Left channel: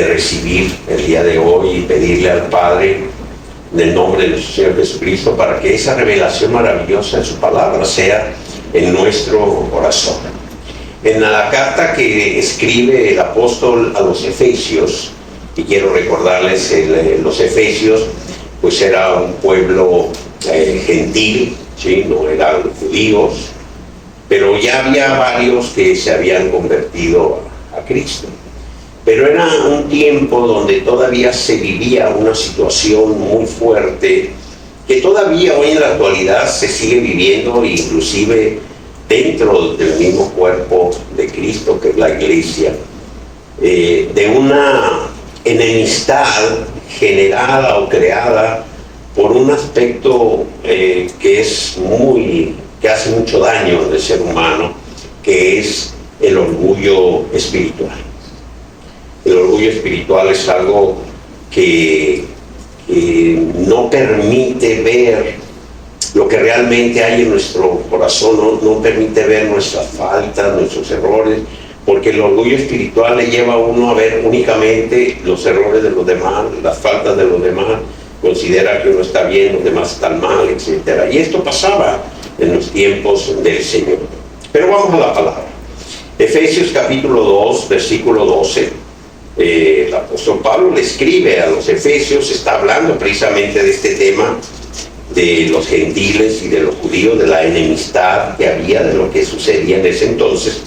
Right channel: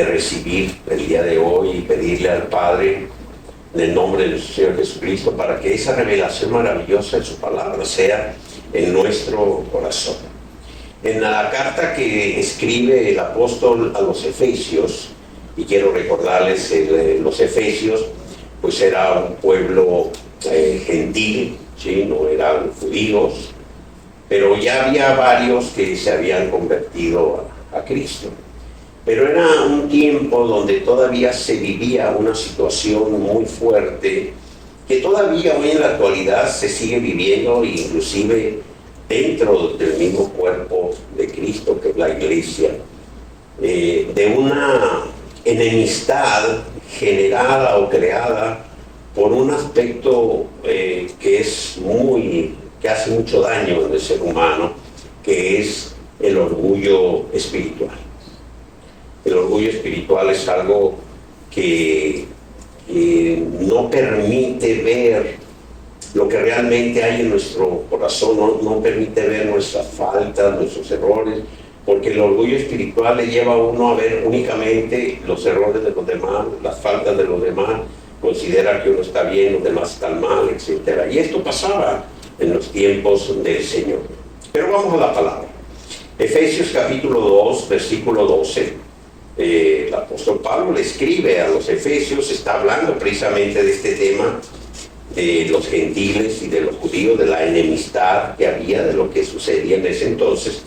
de recibir el día de hoy y pedirle al Padre, en el nombre de nuestro Señor Jesucristo, para que esa revelación maravillosa de su palabra sea en nuestro corazón. En la carta que escribe el apóstol a los Efesios, y quiero recordarles, los Efesios pues era un pueblo gentil, ¿sí? No eran judíos, pero ya había varios que se habían convertido a Cristo. Pero era un tiempo donde todavía se vivía una situación muy fuerte, que todavía hoy en la actualidad se sigue viviendo, inclusive dentro del mismo cuerpo de Cristo, que es la iglesia, de una enemistad generada o creada por un aspecto que hace mucho daño en el ser humano, que es el orgullo espiritual. El orgullo espiritual es algo que no permite ver lo que realmente hay en nuestro corazón, no permite ver nuestras faltas, nuestros errores, porque el orgullo espiritual le lleva a uno a ver únicamente los errores de los demás, las faltas de los demás, considera que uno está bien, los demás están mal, etc. Y esto pasaba en los tiempos del Señor. Pero vamos a la palabra. Efesios capítulo 2, versículo 12. El apóstol Pablo le escribe a los Efesios, está hablando precisamente de este tema de los gentiles y de los judíos, de la enemistad que había, de lo que sucedía en ese entonces,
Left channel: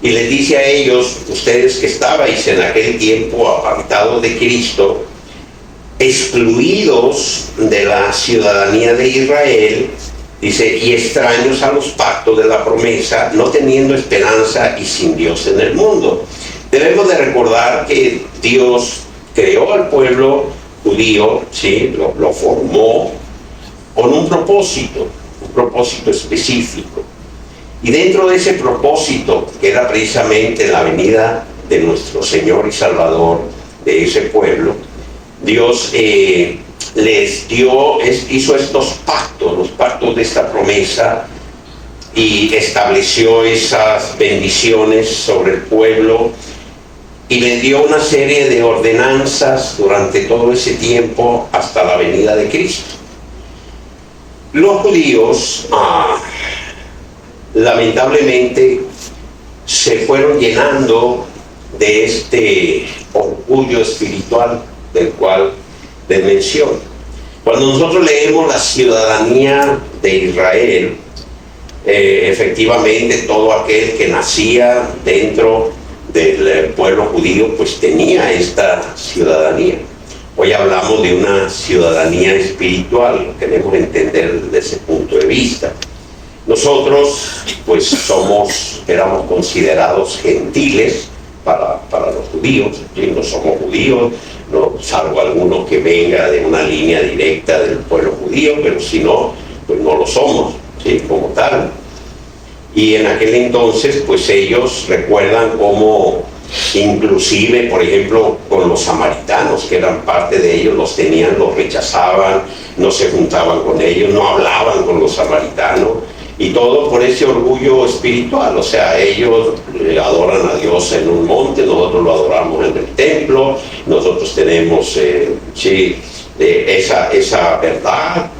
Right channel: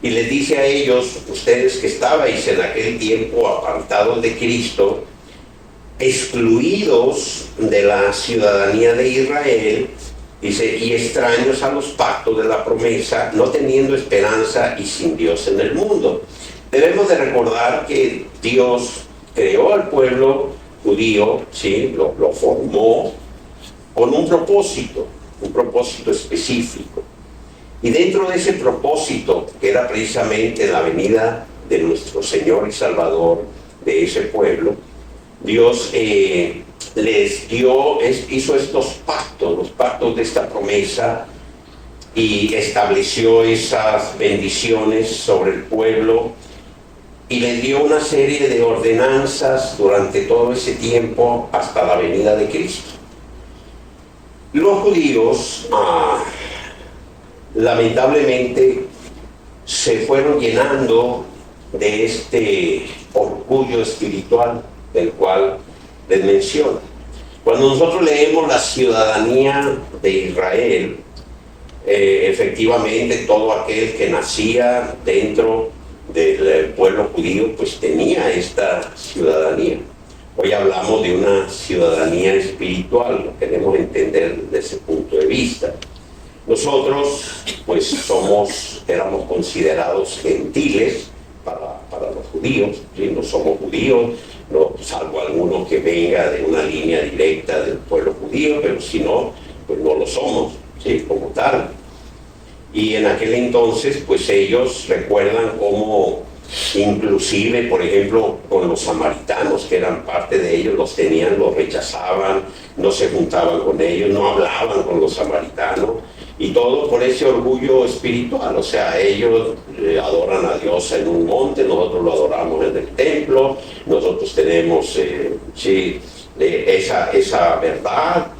y les dice a ellos: ustedes que estabais en aquel tiempo apartados de Cristo, excluidos de la ciudadanía de Israel, dice, y extraños a los pactos de la promesa, no teniendo esperanza y sin Dios en el mundo. Debemos de recordar que Dios creó al pueblo judío, ¿sí? Lo formó con un propósito específico. Y dentro de ese propósito, que era precisamente la venida de nuestro Señor y Salvador de ese pueblo, Dios hizo estos pactos, los pactos de esta promesa, y estableció esas bendiciones sobre el pueblo, y le dio una serie de ordenanzas durante todo ese tiempo hasta la venida de Cristo. Los judíos, lamentablemente, se fueron llenando de este orgullo espiritual del cual les menciono. Cuando nosotros leemos la ciudadanía de Israel, efectivamente todo aquel que nacía dentro del pueblo judío pues tenía esta ciudadanía. Hoy hablamos de una ciudadanía espiritual, lo queremos entender desde ese punto de vista. Nosotros pues éramos considerados gentiles para los judíos, ¿sí? No somos judíos, no, salvo alguno que venga de una línea directa del pueblo judío, pero si no, pues no lo somos, ¿sí? Como tal. Y en aquel entonces pues ellos recuerdan cómo inclusive, por ejemplo, con los samaritanos, que eran parte de ellos, los rechazaban, no se juntaban con ellos, no hablaban con los samaritanos, y todo por ese orgullo espiritual. O sea, ellos adoran a Dios en un monte, nosotros lo adoramos en el templo, nosotros tenemos esa verdad.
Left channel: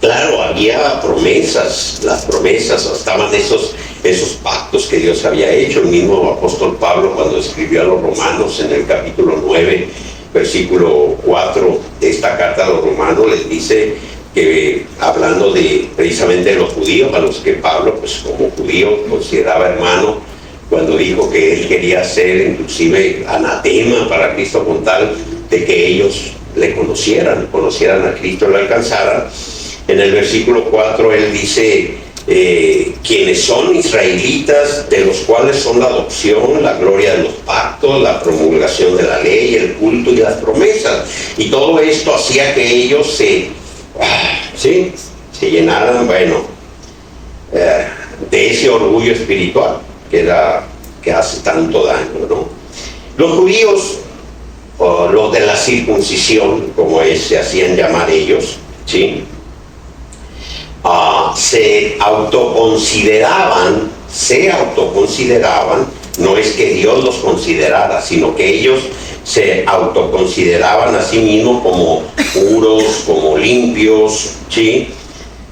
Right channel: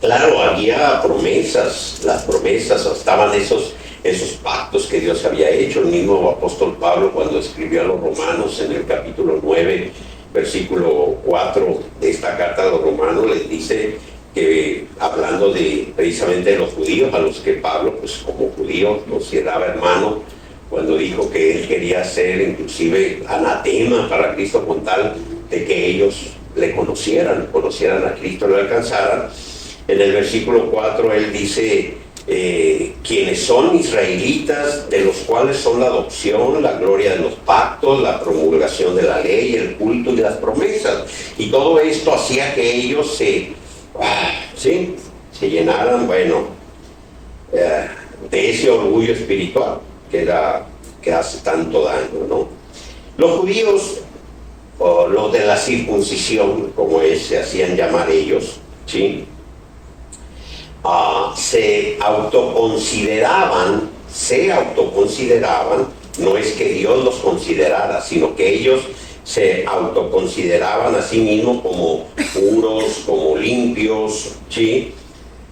Claro, había promesas, las promesas, estaban esos pactos que Dios había hecho. El mismo apóstol Pablo, cuando escribió a los romanos en el capítulo 9, versículo 4 de esta carta a los romanos, les dice que, hablando precisamente de los judíos, a los que Pablo, pues como judío, consideraba hermano, cuando dijo que él quería ser inclusive anatema para Cristo, con tal de que ellos le conocieran a Cristo, le alcanzaran. En el versículo 4 él dice, quienes son israelitas, de los cuales son la adopción, la gloria de los pactos, la promulgación de la ley, el culto y las promesas. Y todo esto hacía que ellos se llenaran, de ese orgullo espiritual que hace tanto daño, ¿no? Los judíos, o los de la circuncisión, como se hacían llamar ellos, ¿sí? Se autoconsideraban No es que Dios los considerara, sino que ellos se autoconsideraban a sí mismos como puros, como limpios, ¿sí?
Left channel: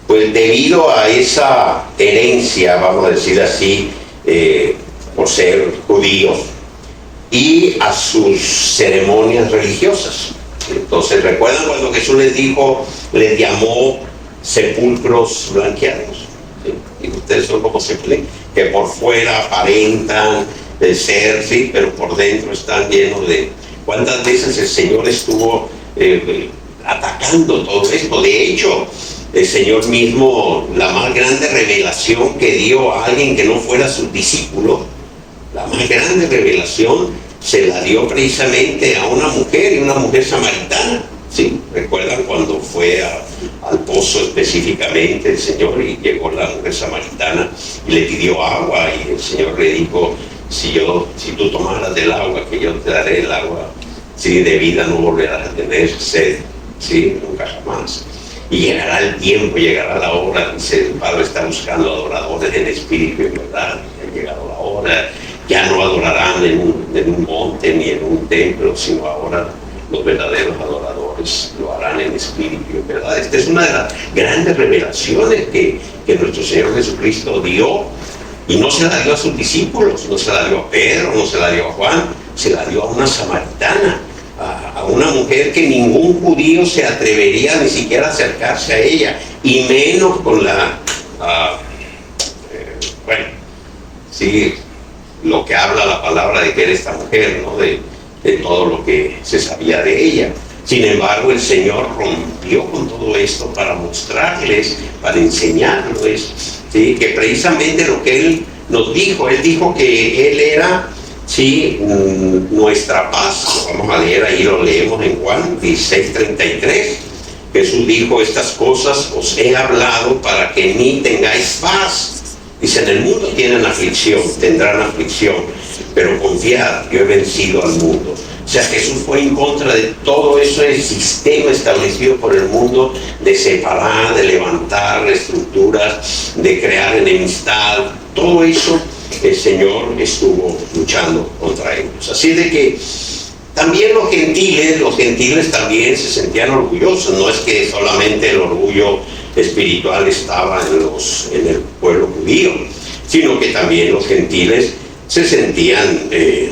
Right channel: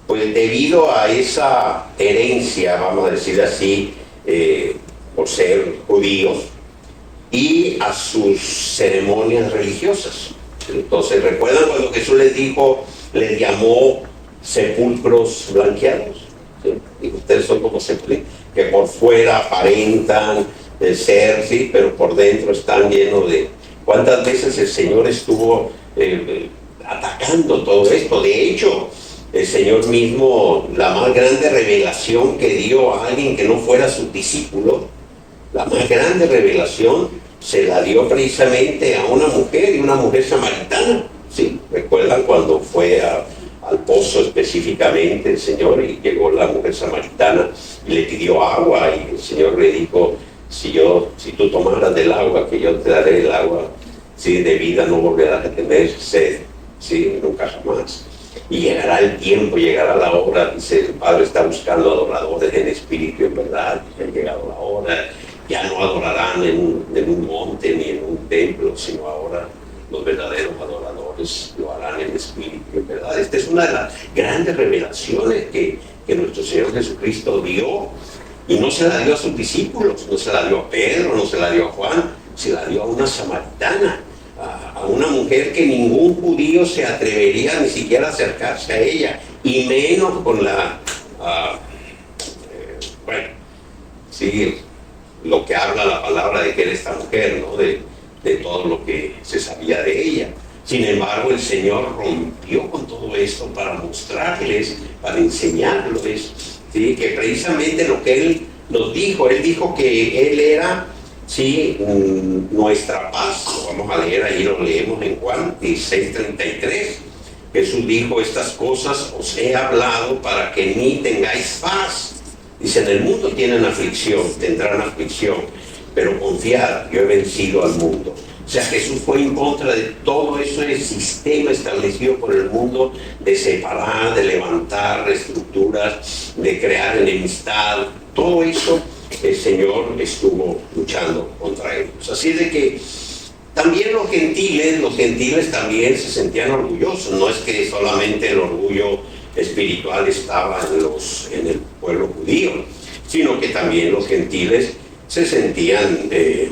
Pues debido a esa herencia, vamos a decir así, por ser judíos, y a sus ceremonias religiosas. Entonces, ¿recuerdan cuando Jesús les llamó sepulcros blanqueados? ¿Sí? Y ustedes son como sepulcros que por fuera aparentan ser, sí, pero por dentro están llenos de... ¿Cuántas veces el Señor estuvo atacando todo esto? De hecho, el Señor mismo, la más grande revelación que dio a alguien que no fuera su discípulo, la más grande revelación se la dio precisamente a una mujer, y una mujer samaritana. ¿Sí? ¿Recuerdan cuando fue al pozo específicamente el Señor y llegó la mujer samaritana y le pidió agua, y el Señor le dijo, si tú tomaras del agua que yo te daré, el agua, ¿sí?, de vida, no volverás a tener sed, ¿sí?, nunca jamás. Y llegará el tiempo, llegará la hora, dice, el Padre está buscando adoradores en espíritu y en verdad. Y ha llegado la hora, ya no adorarán en un monte ni en un templo, sino ahora los verdaderos adoradores lo harán en espíritu y en verdad. Esta es una de las grandes revelaciones que nuestro Señor Jesucristo dio, y no se la dio a sus discípulos, no se la dio a Pedro, no se la dio a Juan, se la dio a una samaritana, a una mujer que ningún judío se atrevería ni siquiera a acercarse a ella, y menos con bueno, sí, lo que habla la palabra de que era esta mujer, ¿no?, de todo lo que se sabía de ella. Sin embargo, el Señor rompió con todo esto para mostrarles, para enseñarles, ¿sí?, que precisamente lo que Él nos dijo, Él dijo que Él era, sí, nuestra paz. Vamos a leer ahí, lo leemos en Juan 16:33. Jesús dijo, estas cosas os he hablado para que en mí tengáis paz. Dice, en el mundo tienen aflicción, tendrán aflicción, pero confiad, yo he vencido al mundo. O sea, Jesús fue en contra de todo ese sistema establecido por el mundo de separar, de levantar estructuras, de crear enemistad. Todo eso el Señor estuvo luchando contra ellos. Así de que también los gentiles también se sentían orgullosos. No es que solamente el orgullo espiritual estaba en el pueblo judío, sino que también los gentiles se sentían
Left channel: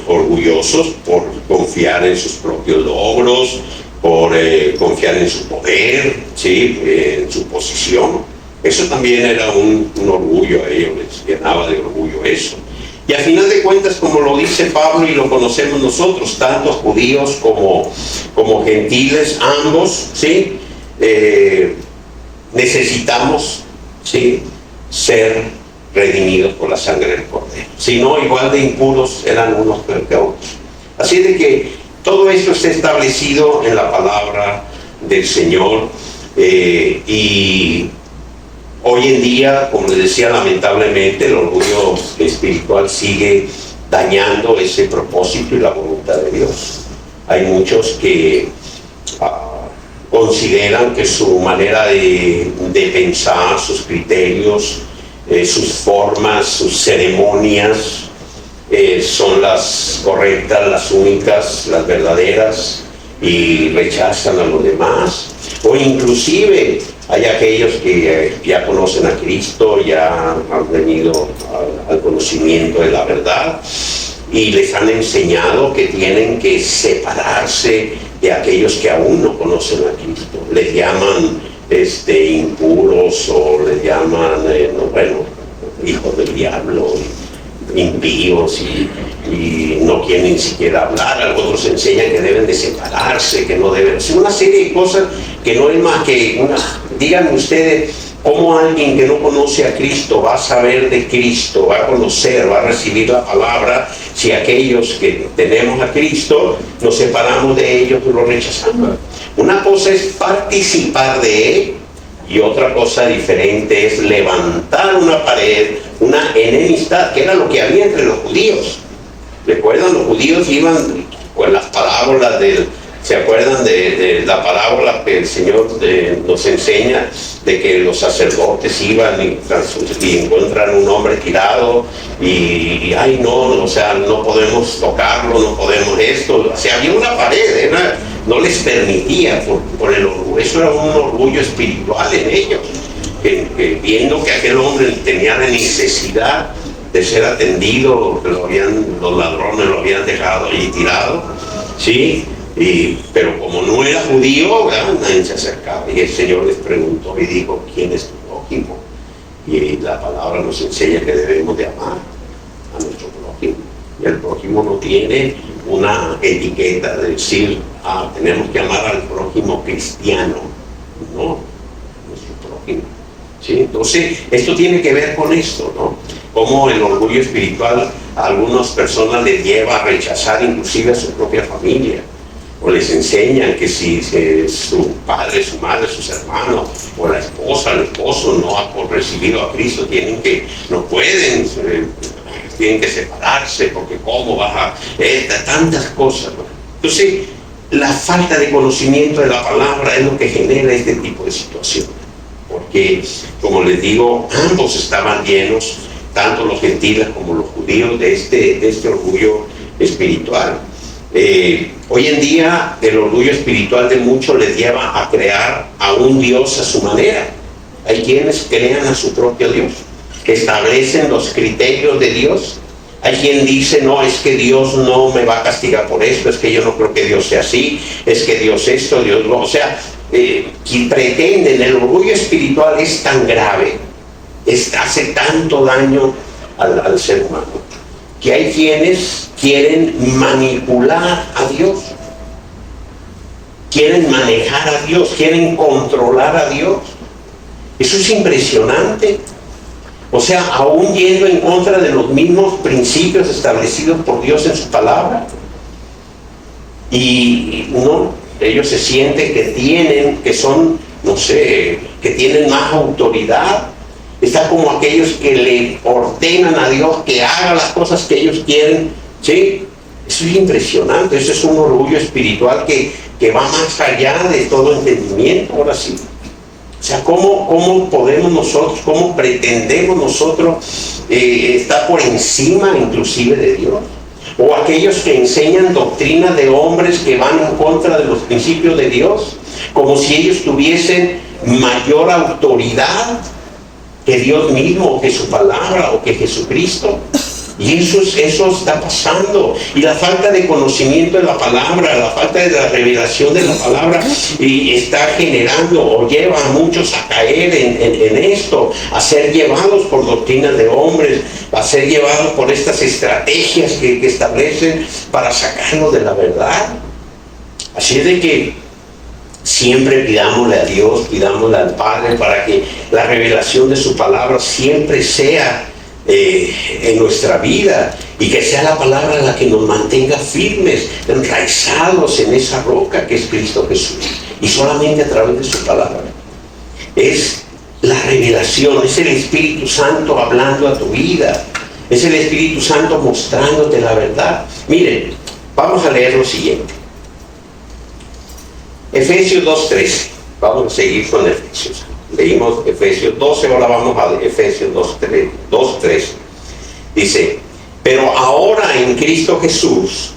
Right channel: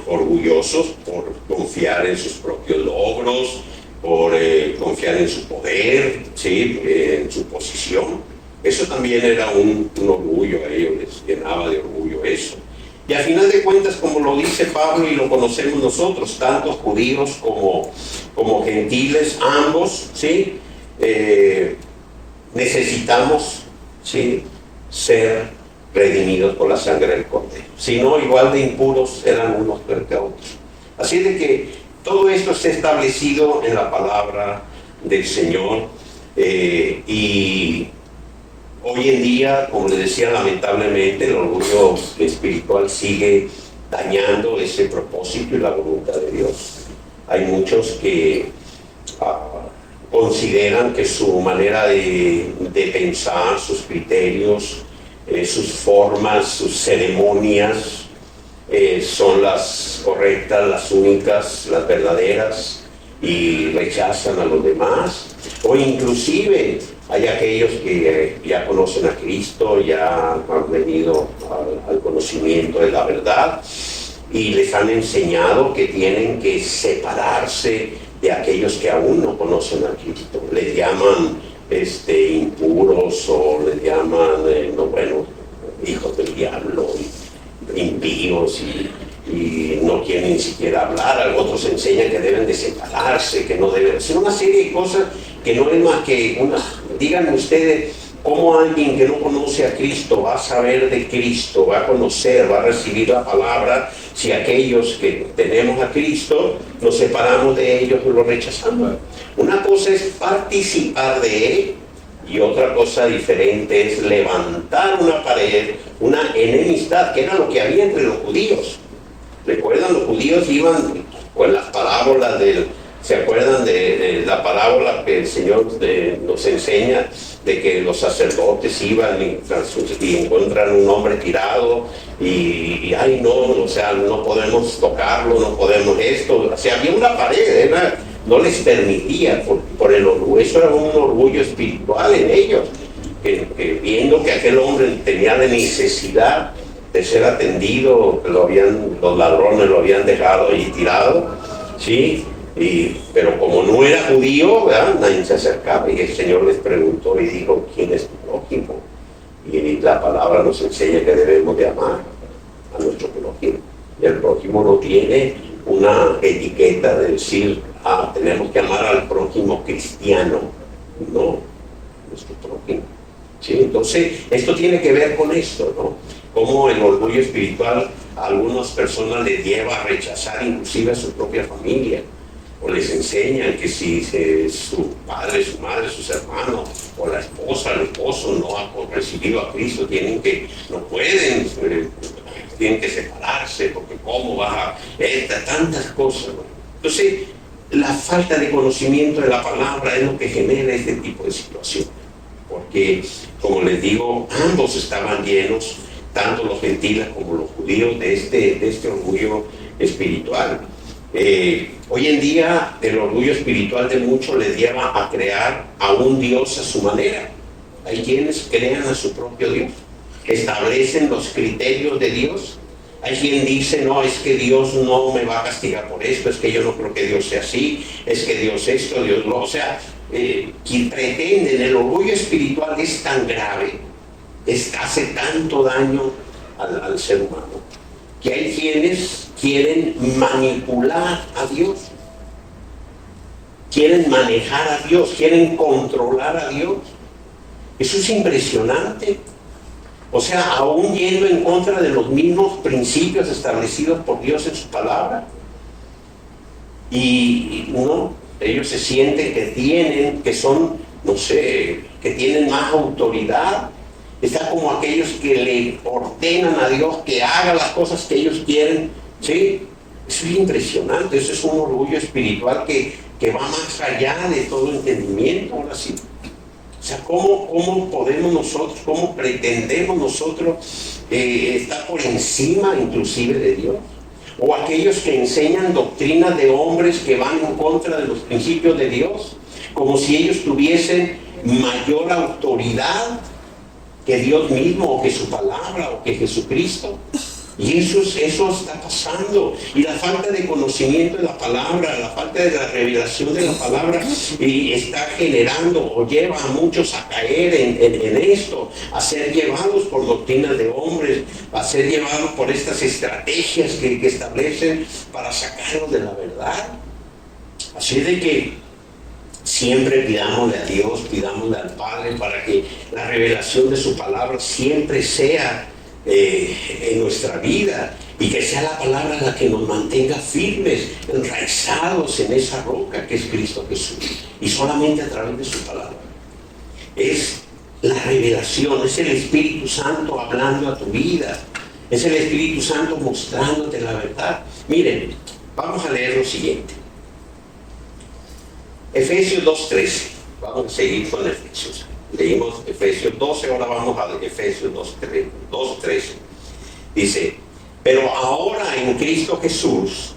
orgullosos por confiar en sus propios logros, por confiar en su poder, ¿sí?, en su posición. Eso también era un orgullo a ellos, les llenaba de orgullo eso. Y a final de cuentas, como lo dice Pablo y lo conocemos nosotros, tanto judíos como gentiles, ambos, ¿sí?, necesitamos, ¿sí?, ser redimidos por la sangre del Cordero. Si no, igual de impuros eran unos que otros. Así de que todo esto está establecido en la palabra del Señor, y hoy en día, como les decía, lamentablemente el orgullo espiritual sigue dañando ese propósito y la voluntad de Dios. Hay muchos que consideran que su manera de pensar, sus criterios, sus formas, sus ceremonias son las correctas, las únicas, las verdaderas, y rechazan a los demás. O inclusive hay aquellos que ya conocen a Cristo, ya han venido al conocimiento de la verdad, y les han enseñado que tienen que separarse de aquellos que aún no conocen a Cristo. Les llaman impuros, o les llaman, hijos del diablo, impíos, y no quieren ni siquiera hablar. Otros enseñan que deben de separarse, que no deben hacer una serie de cosas que no es más que díganme ustedes, ¿cómo alguien que no conoce a Cristo va a saber de Cristo, va a conocer, va a recibir la palabra, si aquellos que tenemos a Cristo nos separamos de ellos y los rechazamos? Una cosa es participar de Él, y otra cosa diferente es levantar una pared, una enemistad, que era lo que había entre los judíos. ¿Recuerdan? Los judíos iban con las parábolas ¿se acuerdan de la parábola que el Señor nos enseña de que los sacerdotes iban y encuentran un hombre tirado y ay no, o sea, no podemos tocarlo, no podemos esto. O sea, había una pared, no les permitía por el orgullo. Eso era un orgullo espiritual en ellos, que viendo que aquel hombre tenía la necesidad de ser atendido, que los ladrones lo habían dejado allí tirado, ¿sí? Pero como no era judío, ¿verdad?, nadie se acercaba, y el Señor les preguntó y dijo: ¿quién es tu prójimo? Y la palabra nos enseña que debemos de amar a nuestro prójimo. Y el prójimo no tiene una etiqueta de decir: tenemos que amar al prójimo cristiano. No, nuestro prójimo, ¿sí? Entonces, esto tiene que ver con esto, ¿no? Cómo el orgullo espiritual a algunas personas les lleva a rechazar inclusive a su propia familia, o les enseñan que si su padre, su madre, sus hermanos, o la esposa, el esposo no ha recibido a Cristo, no pueden, tienen que separarse, porque cómo vas a tantas cosas, ¿no? Entonces, la falta de conocimiento de la palabra es lo que genera este tipo de situaciones, porque, como les digo, ambos estaban llenos, tanto los gentiles como los judíos, de este orgullo espiritual. Hoy en día el orgullo espiritual de muchos les lleva a crear a un Dios a su manera. Hay quienes crean a su propio Dios, que establecen los criterios de Dios. Hay quien dice: no, es que Dios no me va a castigar por esto, es que yo no creo que Dios sea así, es que Dios esto, Dios no. O sea, quien pretenden, el orgullo espiritual es tan grave, hace tanto daño al ser humano, que hay quienes quieren manipular a Dios, quieren manejar a Dios, quieren controlar a Dios. Eso es impresionante. O sea, aún yendo en contra de los mismos principios establecidos por Dios en su palabra. Y no, ellos se sienten que son, no sé, que tienen más autoridad. Está como aquellos que le ordenan a Dios que haga las cosas que ellos quieren, ¿sí? Eso es impresionante. Eso es un orgullo espiritual que va más allá de todo entendimiento, ahora sí. O sea, ¿cómo podemos nosotros, cómo pretendemos nosotros estar por encima inclusive de Dios? O aquellos que enseñan doctrinas de hombres que van en contra de los principios de Dios, como si ellos tuviesen mayor autoridad que Dios mismo, o que su palabra, o que Jesucristo. Y eso está pasando. Y la falta de conocimiento de la palabra, la falta de la revelación de la palabra, y está generando o lleva a muchos a caer en esto, a ser llevados por doctrinas de hombres, a ser llevados por estas estrategias que establecen para sacarlos de la verdad. Así es de que siempre pidámosle a Dios, pidámosle al Padre para que la revelación de su palabra siempre sea en nuestra vida, y que sea la palabra la que nos mantenga firmes, enraizados en esa roca que es Cristo Jesús, y solamente a través de su palabra. Es la revelación, es el Espíritu Santo hablando a tu vida, es el Espíritu Santo mostrándote la verdad. Miren, vamos a leer lo siguiente. Efesios 2:13. Vamos a seguir con Efesios. Leímos Efesios 12, ahora vamos a Efesios 2:13. Dice: pero ahora en Cristo Jesús,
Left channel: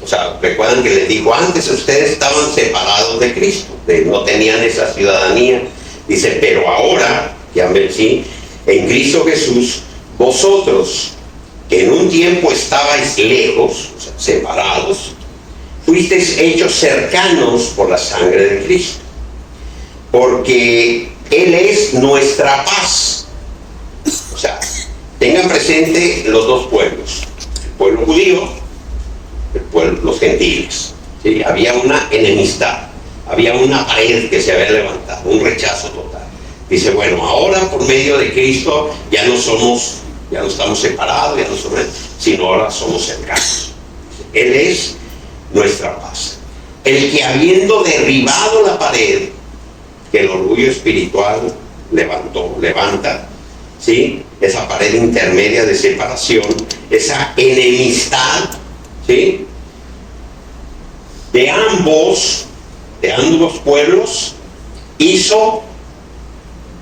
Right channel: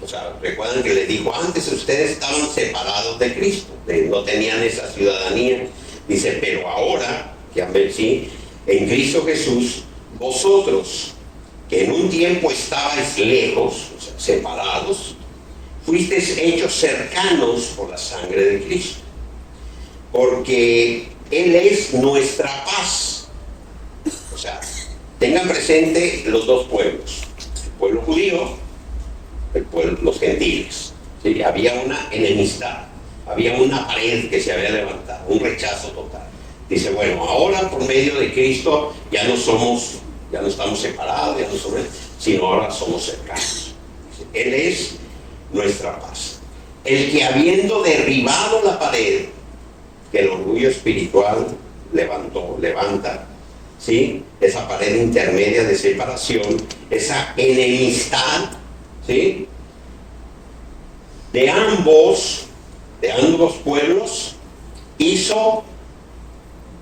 o sea, recuerdan que les dijo antes, ustedes estaban separados de Cristo, no tenían esa ciudadanía. Dice: pero ahora, ya ven, sí, en Cristo Jesús, vosotros, que en un tiempo estabais lejos, o sea, separados, fuisteis hechos cercanos por la sangre de Cristo, porque Él es nuestra paz. O sea, tengan presente los dos pueblos, el pueblo judío, los gentiles, ¿sí? Había una enemistad, había una pared que se había levantado, un rechazo total. Dice: bueno, ahora por medio de Cristo ya no estamos separados, ya no somos, sino ahora somos cercanos. Dice, Él es nuestra paz, el que, habiendo derribado la pared que el orgullo espiritual levanta, ¿sí? Esa pared intermedia de separación, esa enemistad, ¿sí? de ambos pueblos, hizo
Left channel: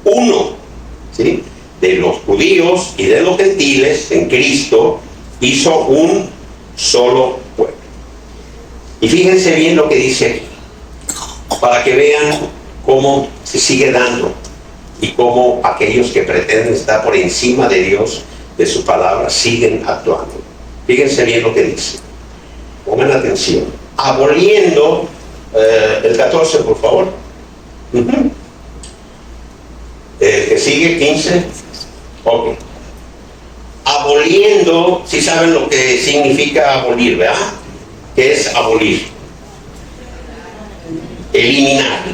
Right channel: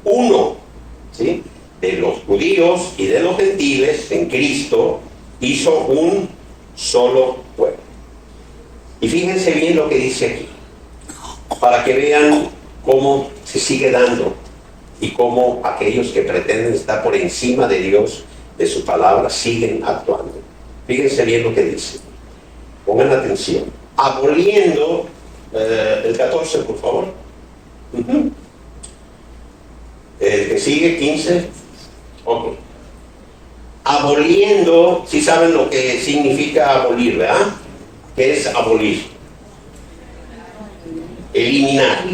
uno, ¿sí? De los judíos y de los gentiles en Cristo hizo un solo pueblo. Y fíjense bien lo que dice aquí, para que vean cómo se sigue dando y cómo aquellos que pretenden estar por encima de Dios, de su palabra, siguen actuando. Fíjense bien lo que dice. Pongan atención. Aboliendo, el 14, por favor. Que sigue, 15. Ok. Aboliendo, si saben lo que significa abolir, ¿verdad? ¿Qué es abolir? Eliminar.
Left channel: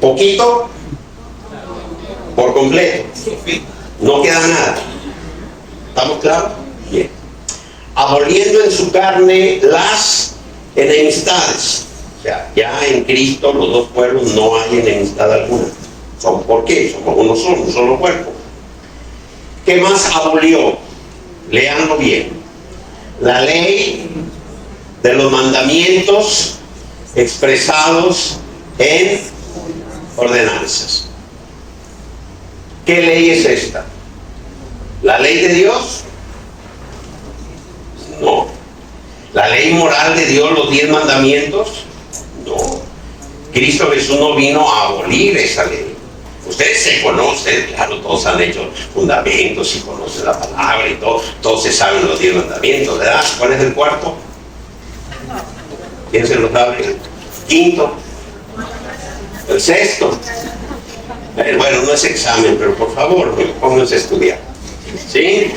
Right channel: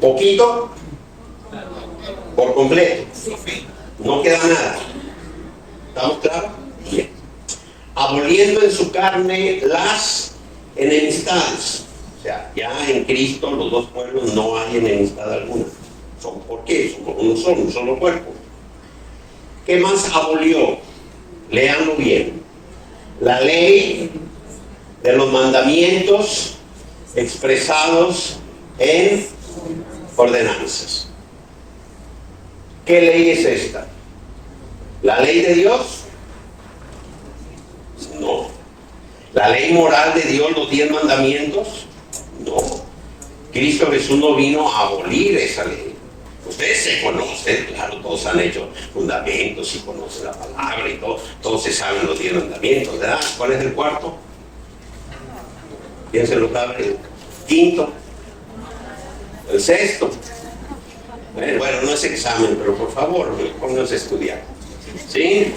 Poquito, por completo. No queda nada. ¿Estamos claros? Bien. Aboliendo en su carne las enemistades. O sea, ya en Cristo los dos pueblos no hay enemistad alguna. ¿Por qué? Somos uno solo, un solo cuerpo. ¿Qué más abolió? Leanlo bien. La ley de los mandamientos expresados en ordenanzas. ¿Qué ley es esta? ¿La ley de Dios? No. ¿La ley moral de Dios, los 10 mandamientos? No. Cristo Jesús no vino a abolir esa ley. Ustedes se conocen, claro, todos han hecho fundamentos y conocen la palabra y todo, todos se saben los 10 mandamientos, ¿verdad? ¿Cuál es el cuarto? ¿Quién se lo sabe? El quinto. El sexto. Bueno, no es examen, pero por favor, pónganse a estudiar. ¿Sí?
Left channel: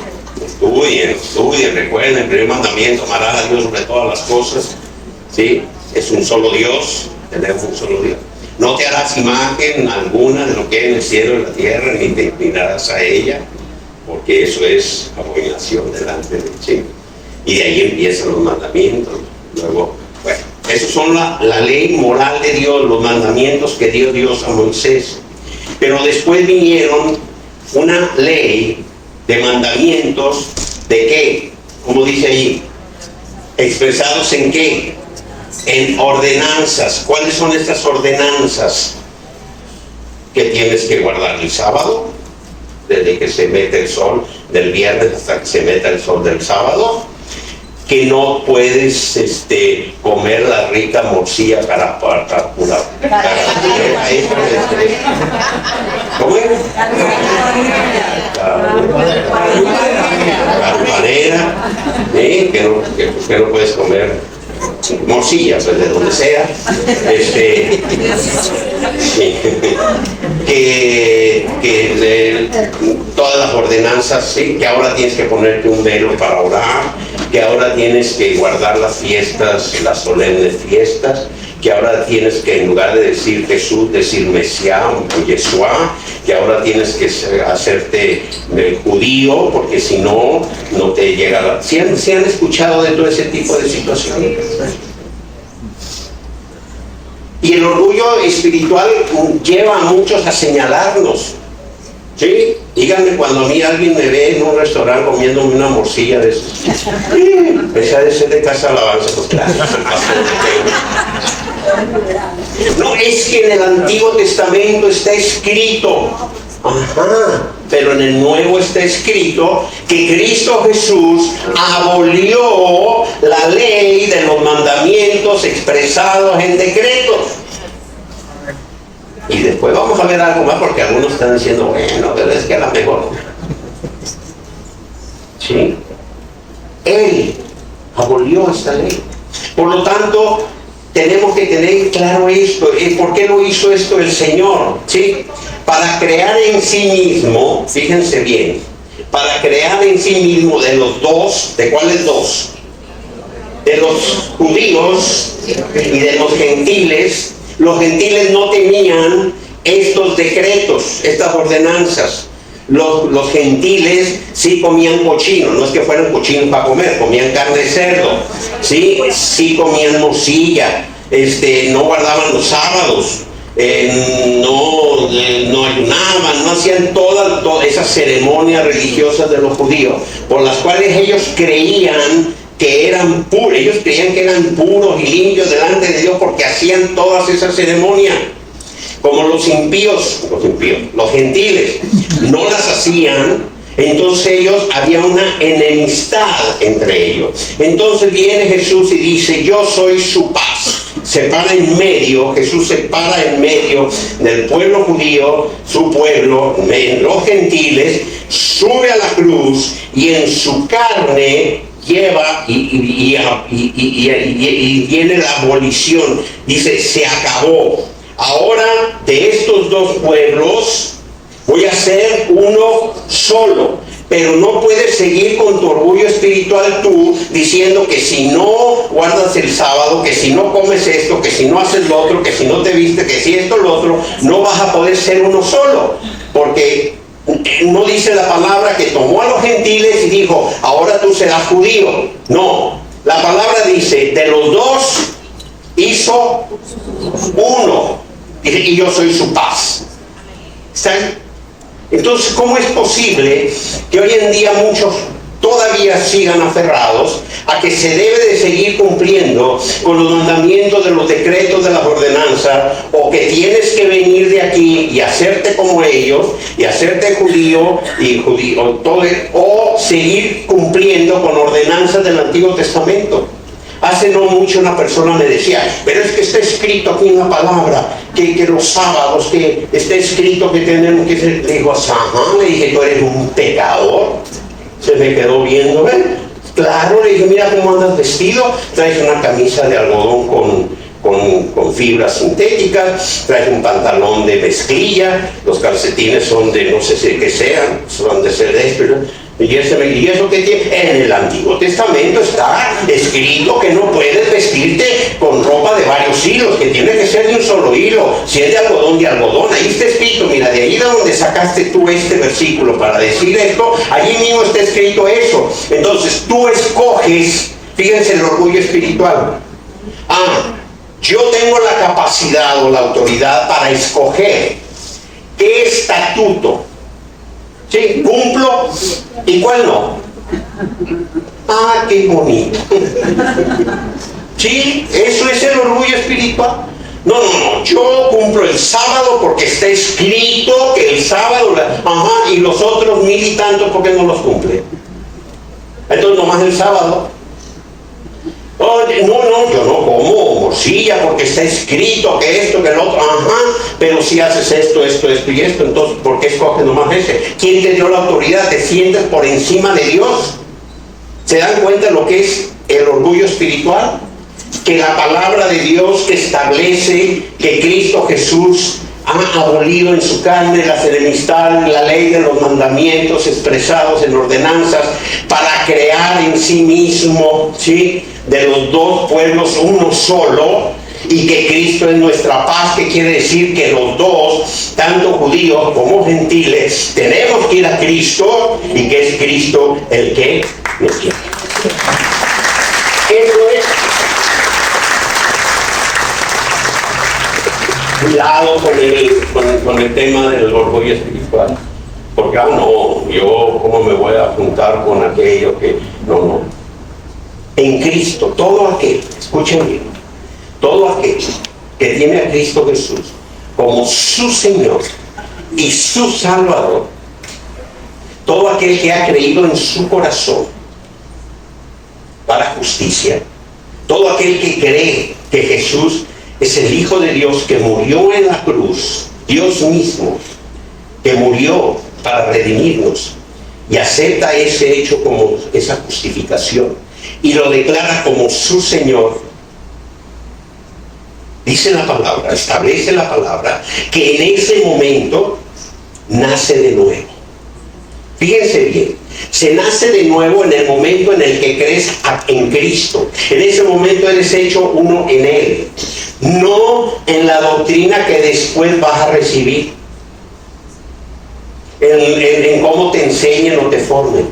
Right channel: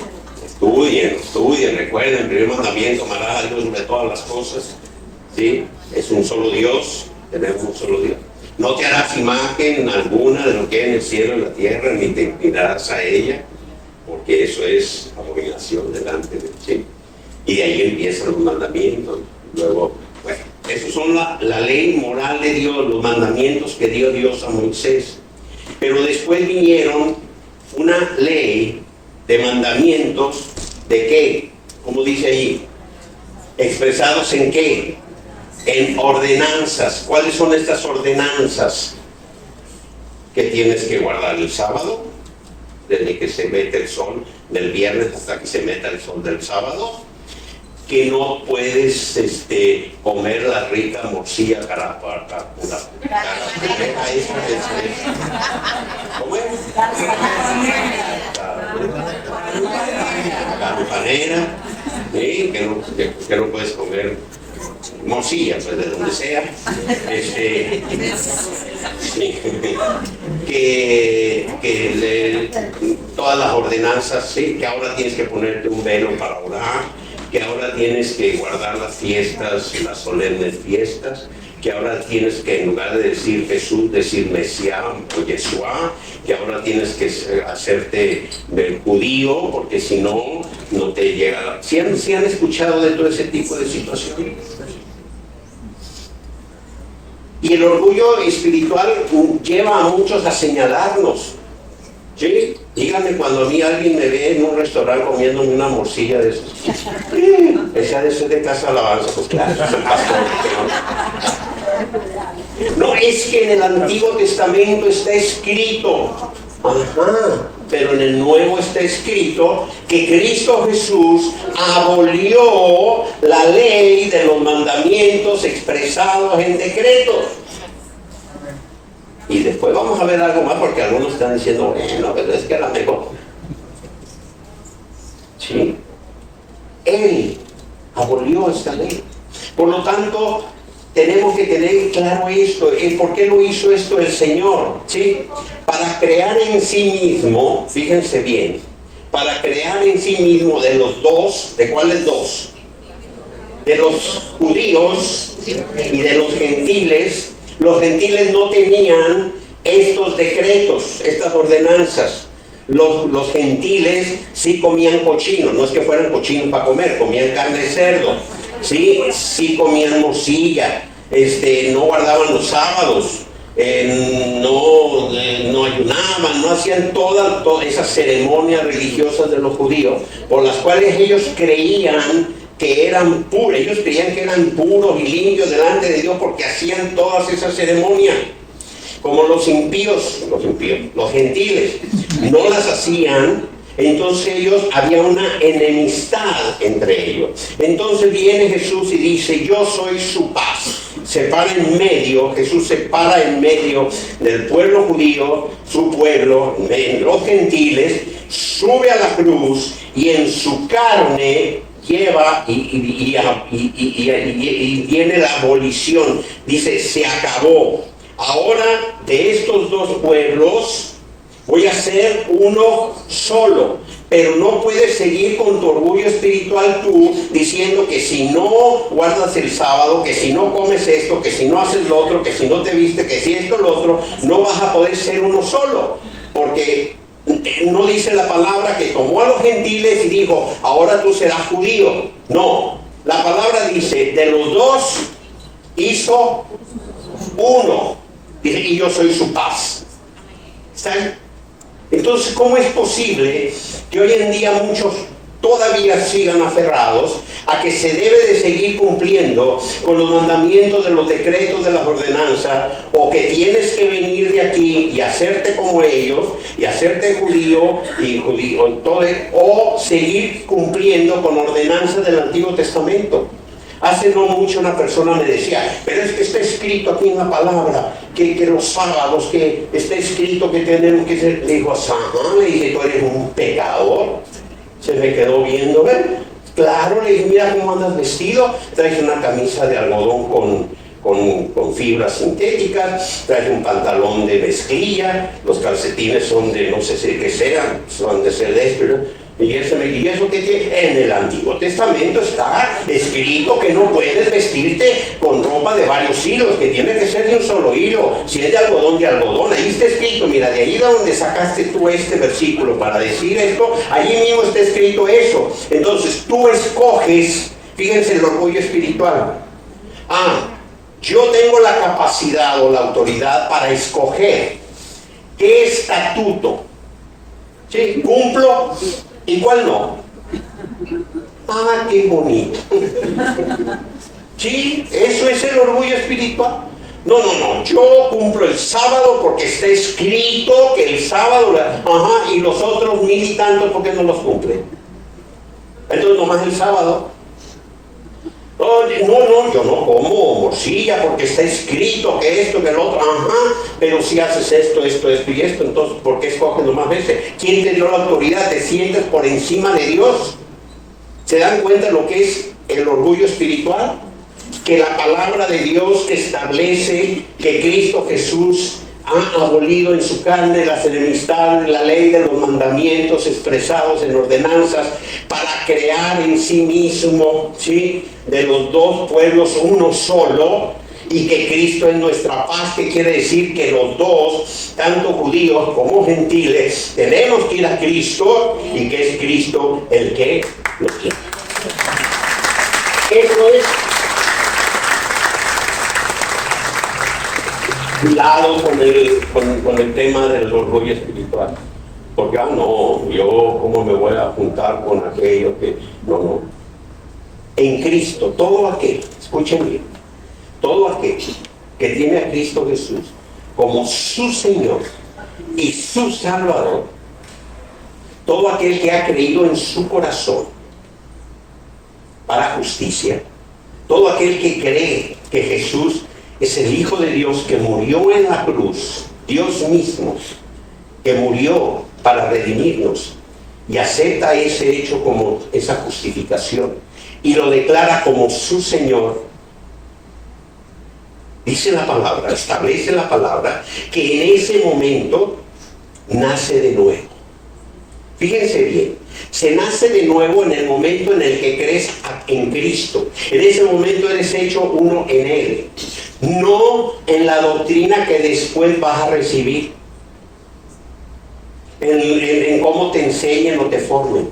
Estudien, recuerden, el primer mandamiento, amarás a Dios sobre todas las cosas. ¿Sí? Es un solo Dios, tenemos un solo Dios. No te harás imagen alguna de lo que hay en el cielo y en la tierra, ni te inclinarás a ella, porque eso es abominación delante de ti. Y de ahí empiezan los mandamientos. Luego, bueno, esos son la ley moral de Dios, los mandamientos que dio Dios a Moisés. Pero después vinieron una ley de mandamientos, ¿de qué? Como dice ahí, expresados en qué? En ordenanzas. ¿Cuáles son estas ordenanzas? Que tienes que guardar el sábado, desde que se mete el sol del viernes hasta que se meta el sol del sábado. Que no puedes comer la rica morcilla carapura. ¿Cómo es? Carupanera, que no puedes comer morcilla, pues de donde sea. Todas las ordenanzas, ¿sí? Que ahora tienes que ponerte un velo para orar, que ahora tienes que guardar las fiestas, las solemnes fiestas, que ahora tienes que, en lugar de decir Jesús, decir Mesías o Yeshua, que ahora tienes que hacerte judío, porque si no, no te llega. ¿Sí han escuchado de todo ese tipo de situaciones? Y el orgullo espiritual lleva a muchos a señalarnos. ¿Sí? Díganme cuando a mí alguien me ve en un restaurante comiéndome una morcilla de esas. Esa de ser de Casa Alabanza, pues claro, es el pastor. No, es que en el Antiguo Testamento está escrito. Ajá, pero en el Nuevo está escrito que Cristo Jesús abolió la ley de los mandamientos expresados en decretos. Y después vamos a ver algo más, porque algunos están diciendo, bueno, pero es que a la mejor. ¿Sí? Él abolió esta ley. Por lo tanto, tenemos que tener claro esto. ¿Por qué lo hizo esto el Señor? ¿Sí? Para crear en sí mismo, fíjense bien, para crear en sí mismo de los dos, ¿de cuáles dos? De los judíos y de los gentiles. Los gentiles no tenían estos decretos, estas ordenanzas. Los gentiles sí comían cochino, no es que fueran cochinos para comer, comían carne de cerdo, sí comían morcilla, no guardaban los sábados, no ayunaban, no hacían todas esas ceremonias religiosas de los judíos, por las cuales ellos creían que eran puros. Ellos creían que eran puros y limpios delante de Dios porque hacían todas esas ceremonias. Como los gentiles, no las hacían, entonces había una enemistad entre ellos. Entonces viene Jesús y dice, yo soy su paz. Se para en medio, Jesús se para en medio del pueblo judío, su pueblo, los gentiles, sube a la cruz y en su carne lleva y viene la abolición. Dice, se acabó. Ahora de estos dos pueblos voy a ser uno solo. Pero no puedes seguir con tu orgullo espiritual tú diciendo que si no guardas el sábado, que si no comes esto, que si no haces lo otro, que si no te vistes, que si esto lo otro, no vas a poder ser uno solo. Porque no dice la palabra que tomó a los gentiles y dijo, ahora tú serás judío. No, la palabra dice, de los dos hizo uno. Dice, y yo soy su paz. ¿Están? Entonces, ¿cómo es posible que hoy en día muchos todavía sigan aferrados a que se debe de seguir cumpliendo con los mandamientos de los decretos de las ordenanzas, o que tienes que venir de aquí y hacerte como ellos y hacerte judío o seguir cumpliendo con ordenanzas del Antiguo Testamento? Hace no mucho una persona me decía, pero es que está escrito aquí en la palabra que los sábados, que está escrito que tenemos que ser. Le digo, ajá, le dije, tú eres un pecador. Se me quedó viendo, ¿ven? Claro, le dije, mira cómo andas vestido, traes una camisa de algodón con fibras sintéticas, traes un pantalón de mezclilla, los calcetines son de no sé si qué sean, son de celeste. ¿Y eso qué tiene? En el Antiguo Testamento está escrito que no puedes vestirte con ropa de varios hilos, que tiene que ser de un solo hilo. Si es de algodón, ahí está escrito. Mira, de ahí de donde sacaste tú este versículo para decir esto, allí mismo está escrito eso. Entonces tú escoges, fíjense el orgullo espiritual. Yo tengo la capacidad o la autoridad para escoger qué estatuto, ¿sí?, cumplo y cuál no. Qué bonito. Sí, eso es el orgullo espiritual. No, yo cumplo el sábado porque está escrito que el sábado, y los otros 1000 y tantos porque no los cumple. Entonces nomás el sábado. Oye, no, yo no como morcilla porque está escrito que esto, que el otro, pero si haces esto y esto, entonces ¿por qué escoges nomás ese? ¿Quién te dio la autoridad? ¿Te sientes por encima de Dios? ¿Se dan cuenta de lo que es el orgullo espiritual? Que la palabra de Dios que establece que Cristo Jesús ha abolido en su carne las enemistades, la ley de los mandamientos expresados en ordenanzas, para crear en sí mismo, ¿sí?, de los dos pueblos uno solo, y que Cristo es nuestra paz, que quiere decir que los dos, tanto judíos como gentiles, tenemos que ir a Cristo, y que es Cristo el que nos quiere. Eso es. Cuidado con el tema del orgullo espiritual, porque yo cómo me voy a juntar con aquello que no. En Cristo, todo aquel, escuchen bien, todo aquel que tiene a Cristo Jesús como su Señor y su Salvador, todo aquel que ha creído en su corazón para justicia, todo aquel que cree que Jesús es el Hijo de Dios, que murió en la cruz, Dios mismo, que murió para redimirnos, y acepta ese hecho como esa justificación, y lo declara como su Señor. Dice la palabra, establece la palabra, que en ese momento nace de nuevo. Fíjense bien, se nace de nuevo en el momento en el que crees en Cristo. En ese momento eres hecho uno en Él. No en la doctrina que después vas a recibir, en cómo te enseñen o te formen.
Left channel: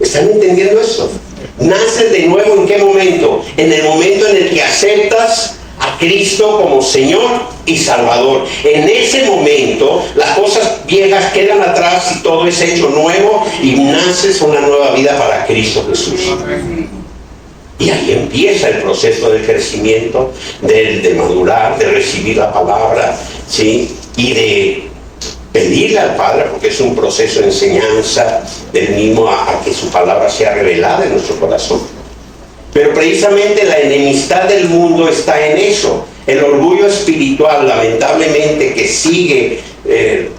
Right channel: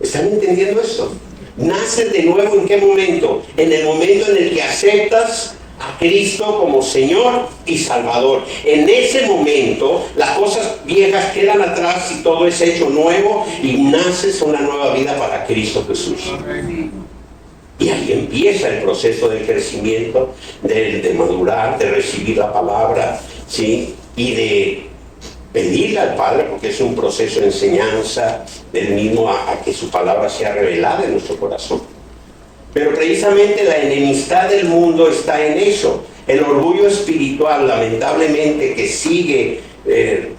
¿Están entendiendo eso? Naces de nuevo, ¿en qué momento? En el momento en el que aceptas a Cristo como Señor y Salvador. En ese momento las cosas viejas quedan atrás y todo es hecho nuevo, y naces una nueva vida para Cristo Jesús. Y ahí empieza el proceso del crecimiento, de madurar, de recibir la palabra, ¿sí? Y de pedirle al Padre, porque es un proceso de enseñanza del mismo a que su palabra sea revelada en nuestro corazón. Pero precisamente la enemistad del mundo está en eso. El orgullo espiritual, lamentablemente, que sigue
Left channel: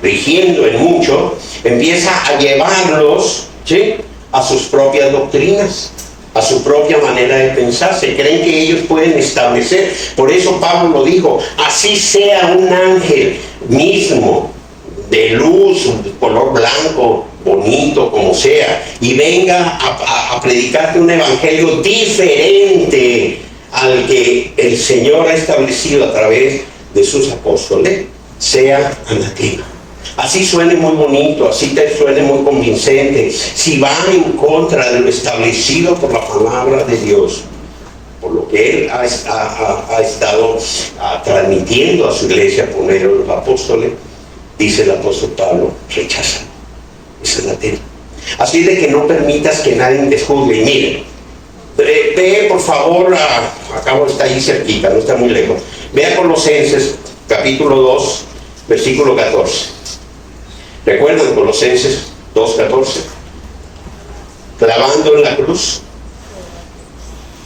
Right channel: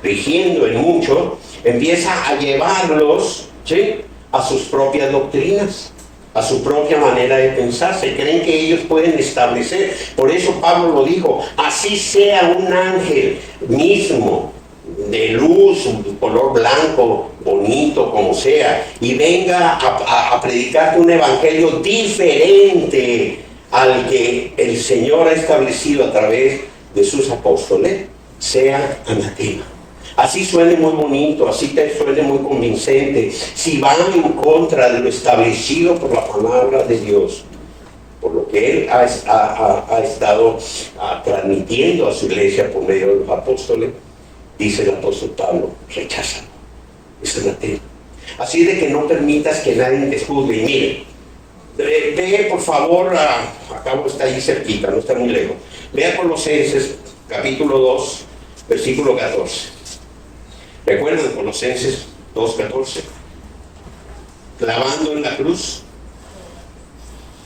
rigiendo en mucho, empieza a llevarlos, ¿sí?, a sus propias doctrinas, a su propia manera de pensar. Se creen que ellos pueden establecer. Por eso Pablo lo dijo: así sea un ángel mismo, de luz, de color blanco, bonito, como sea, y venga a predicarte un evangelio diferente al que el Señor ha establecido a través de sus apóstoles, sea anatema. Así suene muy bonito, así te suene muy convincente, si va en contra de lo establecido por la palabra de Dios, por lo que Él ha estado transmitiendo a su iglesia por medio de los apóstoles, dice el apóstol Pablo: rechaza, es anatema. Así de que no permitas que nadie te juzgue. Y mire, ve por favor, acabo, está ahí cerquita, no está muy lejos. Ve a Colosenses, capítulo 2, versículo 14. ¿Recuerdan Colosenses 2:14? Clavando en la cruz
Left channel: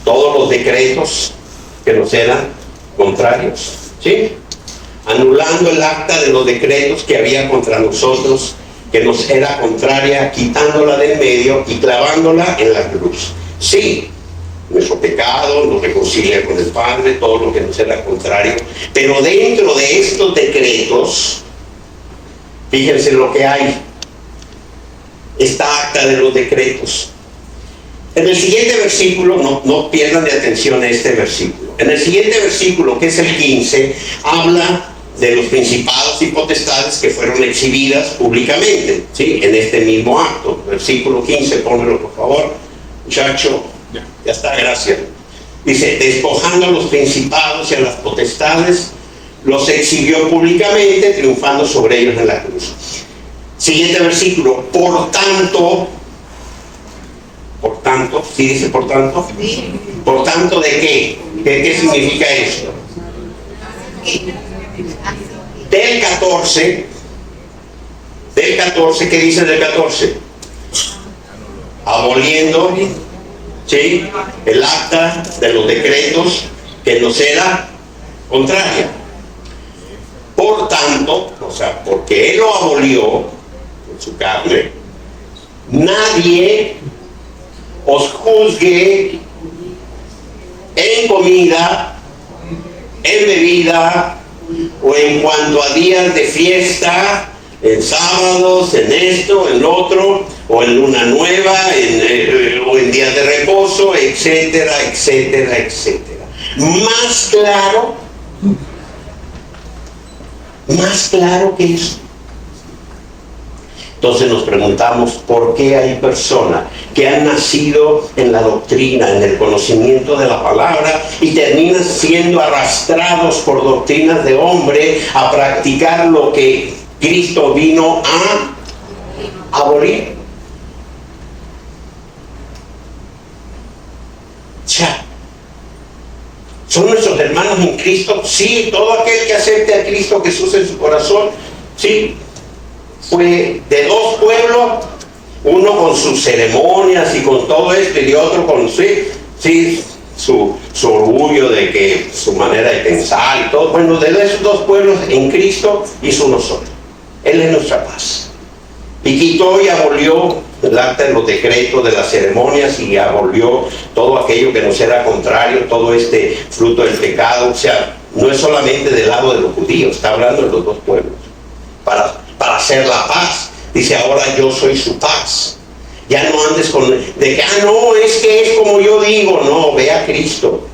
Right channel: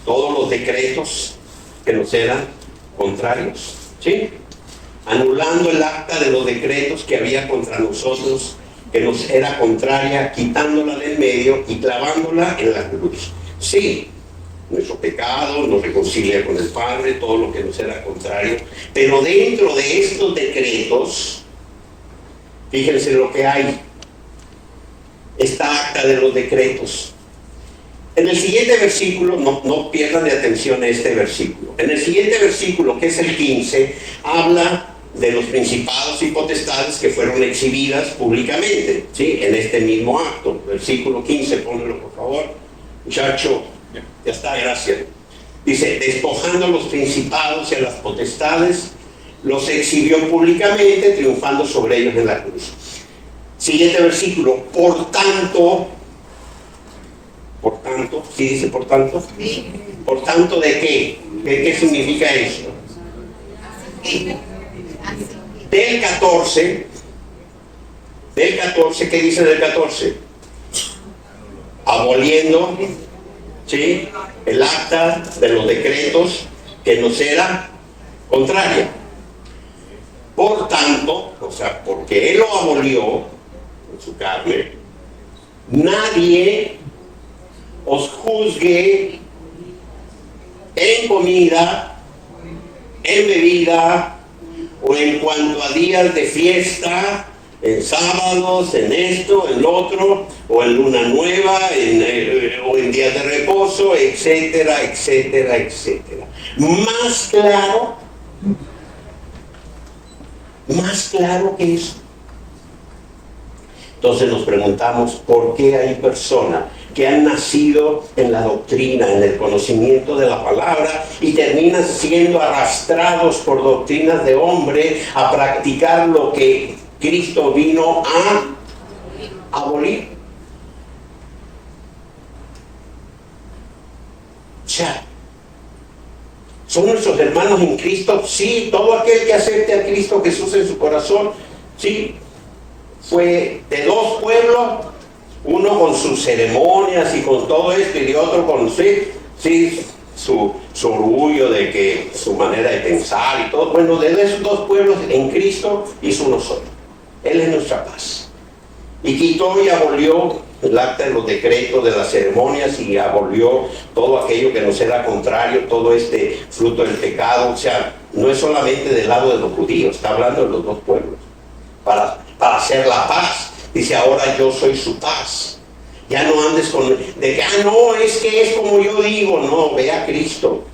todos los decretos que nos eran contrarios, ¿sí? Anulando el acta de los decretos que había contra nosotros, que nos era contraria, quitándola del medio y clavándola en la cruz. Sí, nuestro pecado nos reconcilia con el Padre, todo lo que nos era contrario, pero dentro de estos decretos, fíjense lo que hay, esta acta de los decretos. En el siguiente versículo, no pierdan de atención este versículo. En el siguiente versículo, que es el 15, habla de los principados y potestades que fueron exhibidas públicamente, ¿sí?, en este mismo acto. Versículo 15, pónmelo por favor, muchacho. Ya está, gracias. Dice: despojando a los principados y a las potestades, los exhibió públicamente, triunfando sobre ellos en la cruz. Siguiente versículo: por tanto, ¿sí dice por tanto? Sí. ¿Por tanto de qué? ¿Qué significa esto? Del 14, ¿qué dice del 14? Aboliendo, ¿sí?, el acta de los decretos que nos era contraria. Por tanto, o sea, porque Él lo abolió en su carne, nadie os juzgue en comida, en bebida, o en cuanto a días de fiesta, en sábados, en esto, en lo otro, o en luna nueva, o en días de reposo, etcétera, etcétera, etcétera. Más claro que eso. Entonces nos preguntamos: ¿por qué hay personas que han nacido en la doctrina, en el conocimiento de la palabra, y terminan siendo arrastrados por doctrinas de hombre a practicar lo que Cristo vino a abolir? Ya. ¿Son nuestros hermanos en Cristo? Sí, todo aquel que acepte a Cristo Jesús en su corazón, sí. Fue de dos pueblos, uno con sus ceremonias y con todo esto, y de otro con su orgullo de que su manera de pensar y todo. Bueno, de esos dos pueblos en Cristo hizo uno solo. Él es nuestra paz. Y quitó y abolió el acta de los decretos de las ceremonias, y abolió todo aquello que nos era contrario, todo este fruto del pecado. O sea, no es solamente del lado de los judíos, está hablando de los dos pueblos. Para hacer la paz. Dice: ahora yo soy su paz. Ya no andes con de que, no, es que es como yo digo. No, ve a Cristo.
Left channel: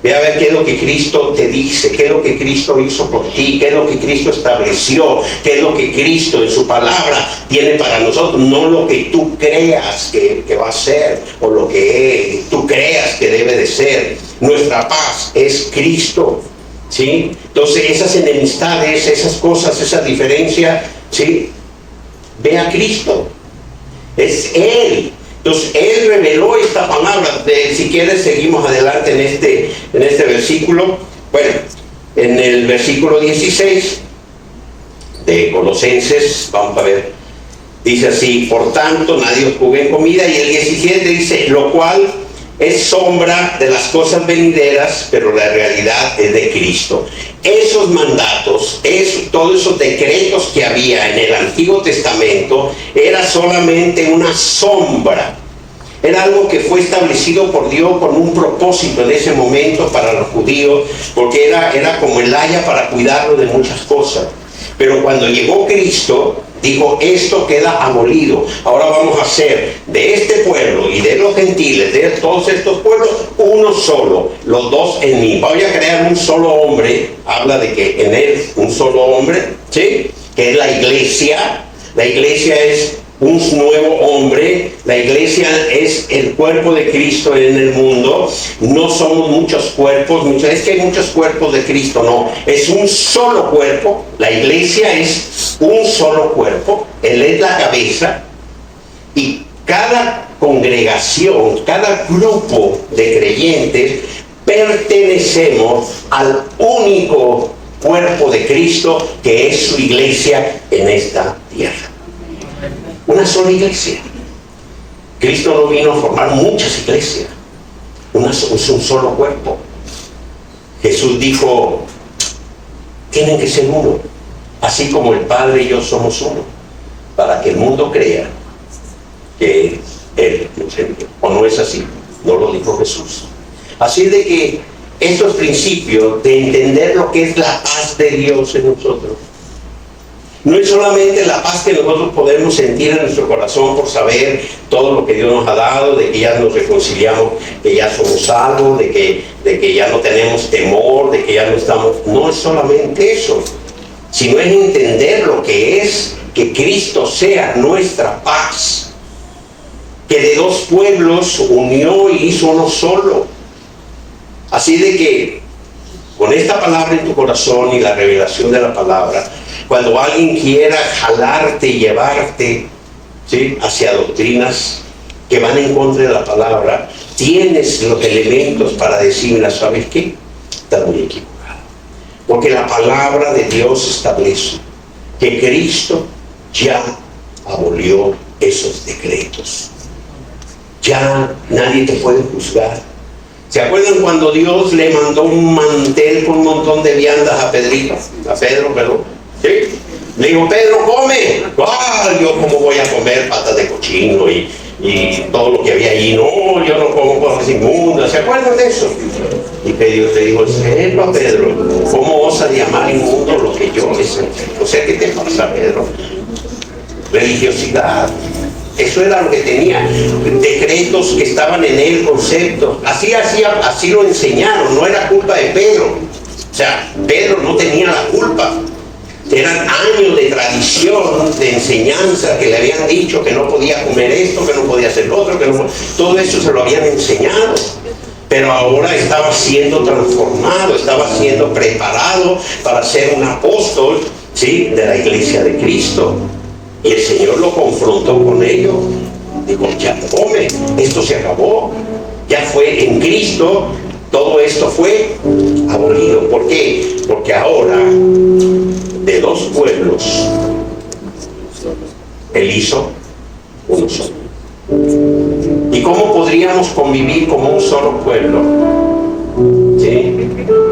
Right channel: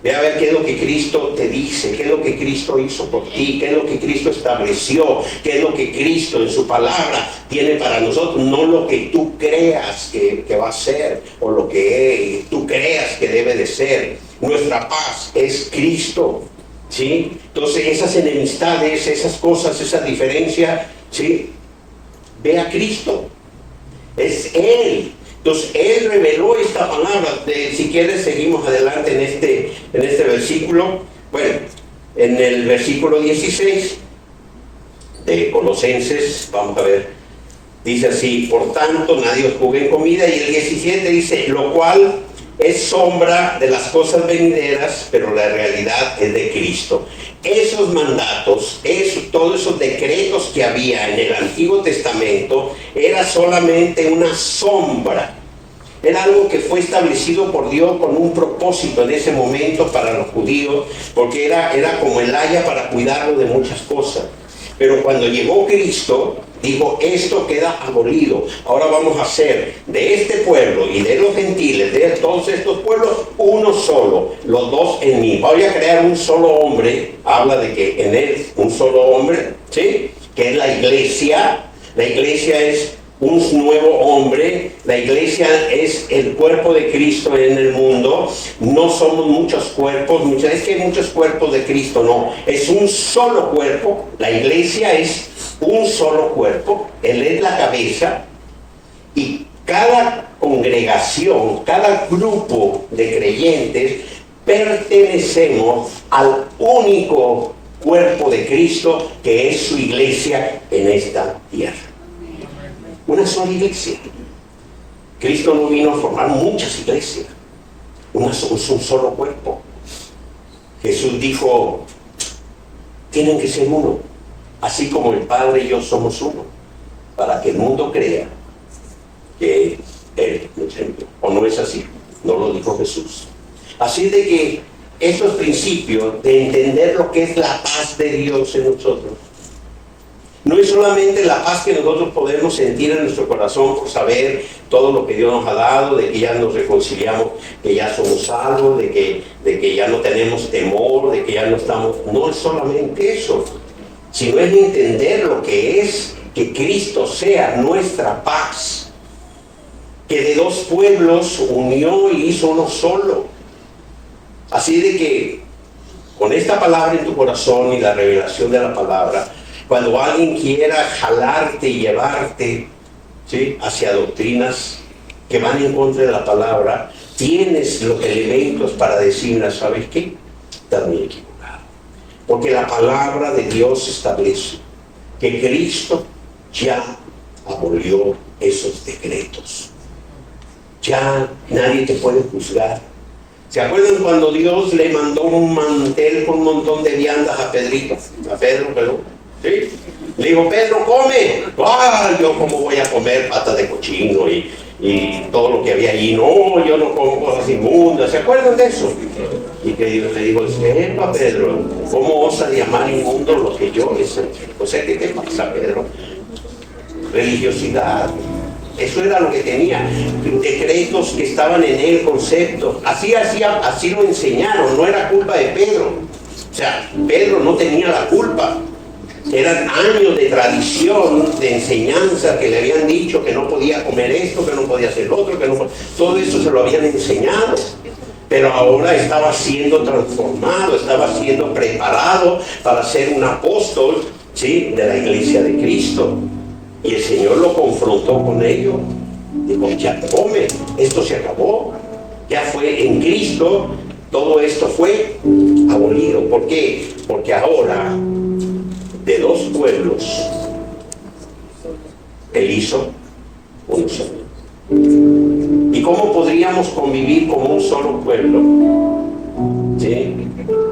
Ve a ver qué es lo que Cristo te dice, qué es lo que Cristo hizo por ti, qué es lo que Cristo estableció, qué es lo que Cristo en su palabra tiene para nosotros, no lo que tú creas que va a ser, o lo que tú creas que debe de ser. Nuestra paz es Cristo, ¿sí? Entonces esas enemistades, esas cosas, esas diferencias, ¿sí?, ve a Cristo. Es Él Entonces, Él reveló esta palabra. Si quieres, seguimos adelante en este versículo. Bueno, en el versículo 16 de Colosenses, vamos a ver, dice así: por tanto, nadie os juzgue en comida. Y el 17 dice: lo cual es sombra de las cosas venideras, pero la realidad es de Cristo. Esos mandatos, todos esos decretos que había en el Antiguo Testamento, era solamente una sombra. Era algo que fue establecido por Dios con un propósito en ese momento para los judíos, porque era como el haya para cuidarlo de muchas cosas. Pero cuando llegó Cristo, dijo: esto queda abolido. Ahora vamos a hacer de este pueblo y de los gentiles, de todos estos pueblos, uno solo, los dos en mí. Voy a crear un solo hombre. Habla de que en él un solo hombre, ¿sí?, que es la iglesia. La iglesia es un nuevo hombre. La iglesia es el cuerpo de Cristo en el mundo. No somos muchos cuerpos. Es que hay muchos cuerpos de Cristo. No, es un solo cuerpo. La iglesia es un solo cuerpo. Él es la cabeza. Y cada congregación, cada grupo de creyentes, pertenecemos al único cuerpo de Cristo, que es su iglesia en esta tierra. Una sola iglesia. Cristo no vino a formar muchas iglesias. Es un solo cuerpo. Jesús dijo: tienen que ser uno, así como el Padre y yo somos uno, para que el mundo crea que Él nos envió. ¿O no es así? No lo dijo Jesús. Así de que estos principios de entender lo que es la paz de Dios en nosotros, no es solamente la paz que nosotros podemos sentir en nuestro corazón por saber todo lo que Dios nos ha dado, de que ya nos reconciliamos, que ya somos salvos, de que ya no tenemos temor, de que ya no estamos... No es solamente eso, sino es entender lo que es que Cristo sea nuestra paz, que de dos pueblos unió y hizo uno solo. Así de que con esta palabra en tu corazón y la revelación de la palabra, cuando alguien quiera jalarte y llevarte, ¿sí?, hacia doctrinas que van en contra de la palabra, tienes los elementos para decirle: ¿sabes qué? Estás muy equivocado. Porque la palabra de Dios establece que Cristo ya abolió esos decretos. Ya nadie te puede juzgar. ¿Se acuerdan cuando Dios le mandó un mantel con un montón de viandas a Pedro, perdón? ¿Sí? Le dijo: Pedro, come. Yo cómo voy a comer patas de cochino y todo lo que había allí. No, yo no como cosas inmundas. ¿Se acuerdan de eso? Y Dios le dijo: sepa, Pedro, ¿cómo osas llamar inmundo lo que yo he hecho? O sea, ¿qué te pasa, Pedro? Religiosidad. Eso era lo que tenía. Decretos que estaban en él, conceptos. Así lo enseñaron. No era culpa de Pedro. O sea, Pedro no tenía la culpa. Eran años de tradición, de enseñanza, que le habían dicho que no podía comer esto, que no podía hacer lo otro, todo eso se lo habían enseñado. Pero ahora estaba siendo transformado, estaba siendo preparado para ser un apóstol, ¿sí?, de la iglesia de Cristo. Y el Señor lo confrontó con ello. Dijo: ya come, esto se acabó. Ya fue en Cristo, todo esto fue abolido. ¿Por qué? Porque ahora, de dos pueblos, Él hizo uno solo. ¿Y cómo podríamos convivir como un solo pueblo? ¿Sí?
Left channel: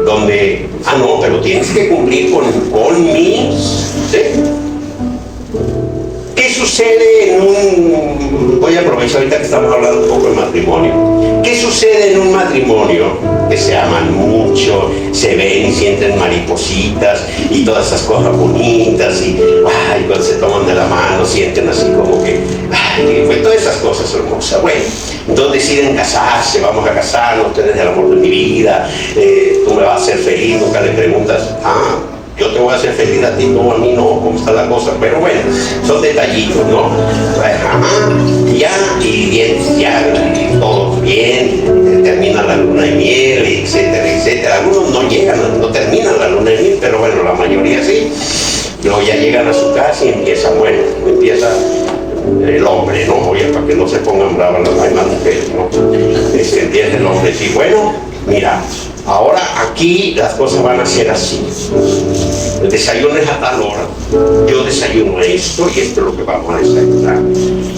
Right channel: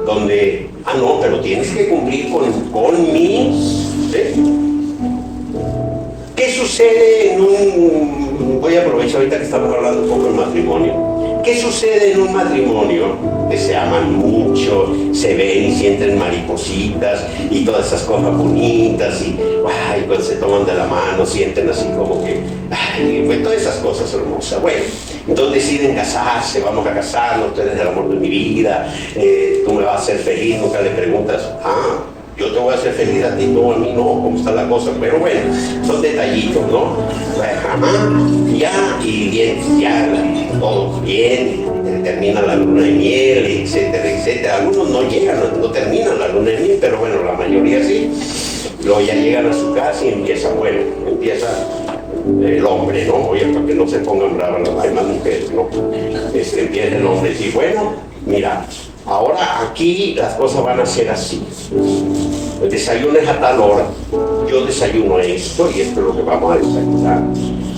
Donde, no, pero tienes que cumplir con mis... ¿sí? ¿Qué sucede voy a aprovechar ahorita que estamos hablando un poco de matrimonio? ¿Qué sucede en un matrimonio? Que se aman mucho, se ven y sienten maripositas y todas esas cosas bonitas y cuando se toman de la mano sienten así como que, pues todas esas cosas hermosas. Bueno, entonces deciden casarse: vamos a casarnos, tú eres el amor de mi vida, tú me vas a hacer feliz. Nunca le preguntas: yo te voy a hacer feliz a ti, no a mí, no, cómo está la cosa. Pero bueno, son detallitos, ¿no? Ya, todo bien, termina la luna de miel, etcétera, etcétera. Algunos no llegan, no terminan la luna de miel, pero bueno, la mayoría sí. Luego ya llegan a su casa y empieza el hombre, ¿no? Oye, para que no se pongan bravas las demás mujeres, ¿no? Empieza el hombre, sí, bueno, mira, ahora aquí las cosas van a ser así. El desayuno es a tal hora, yo desayuno esto y esto es lo que vamos a desayunar.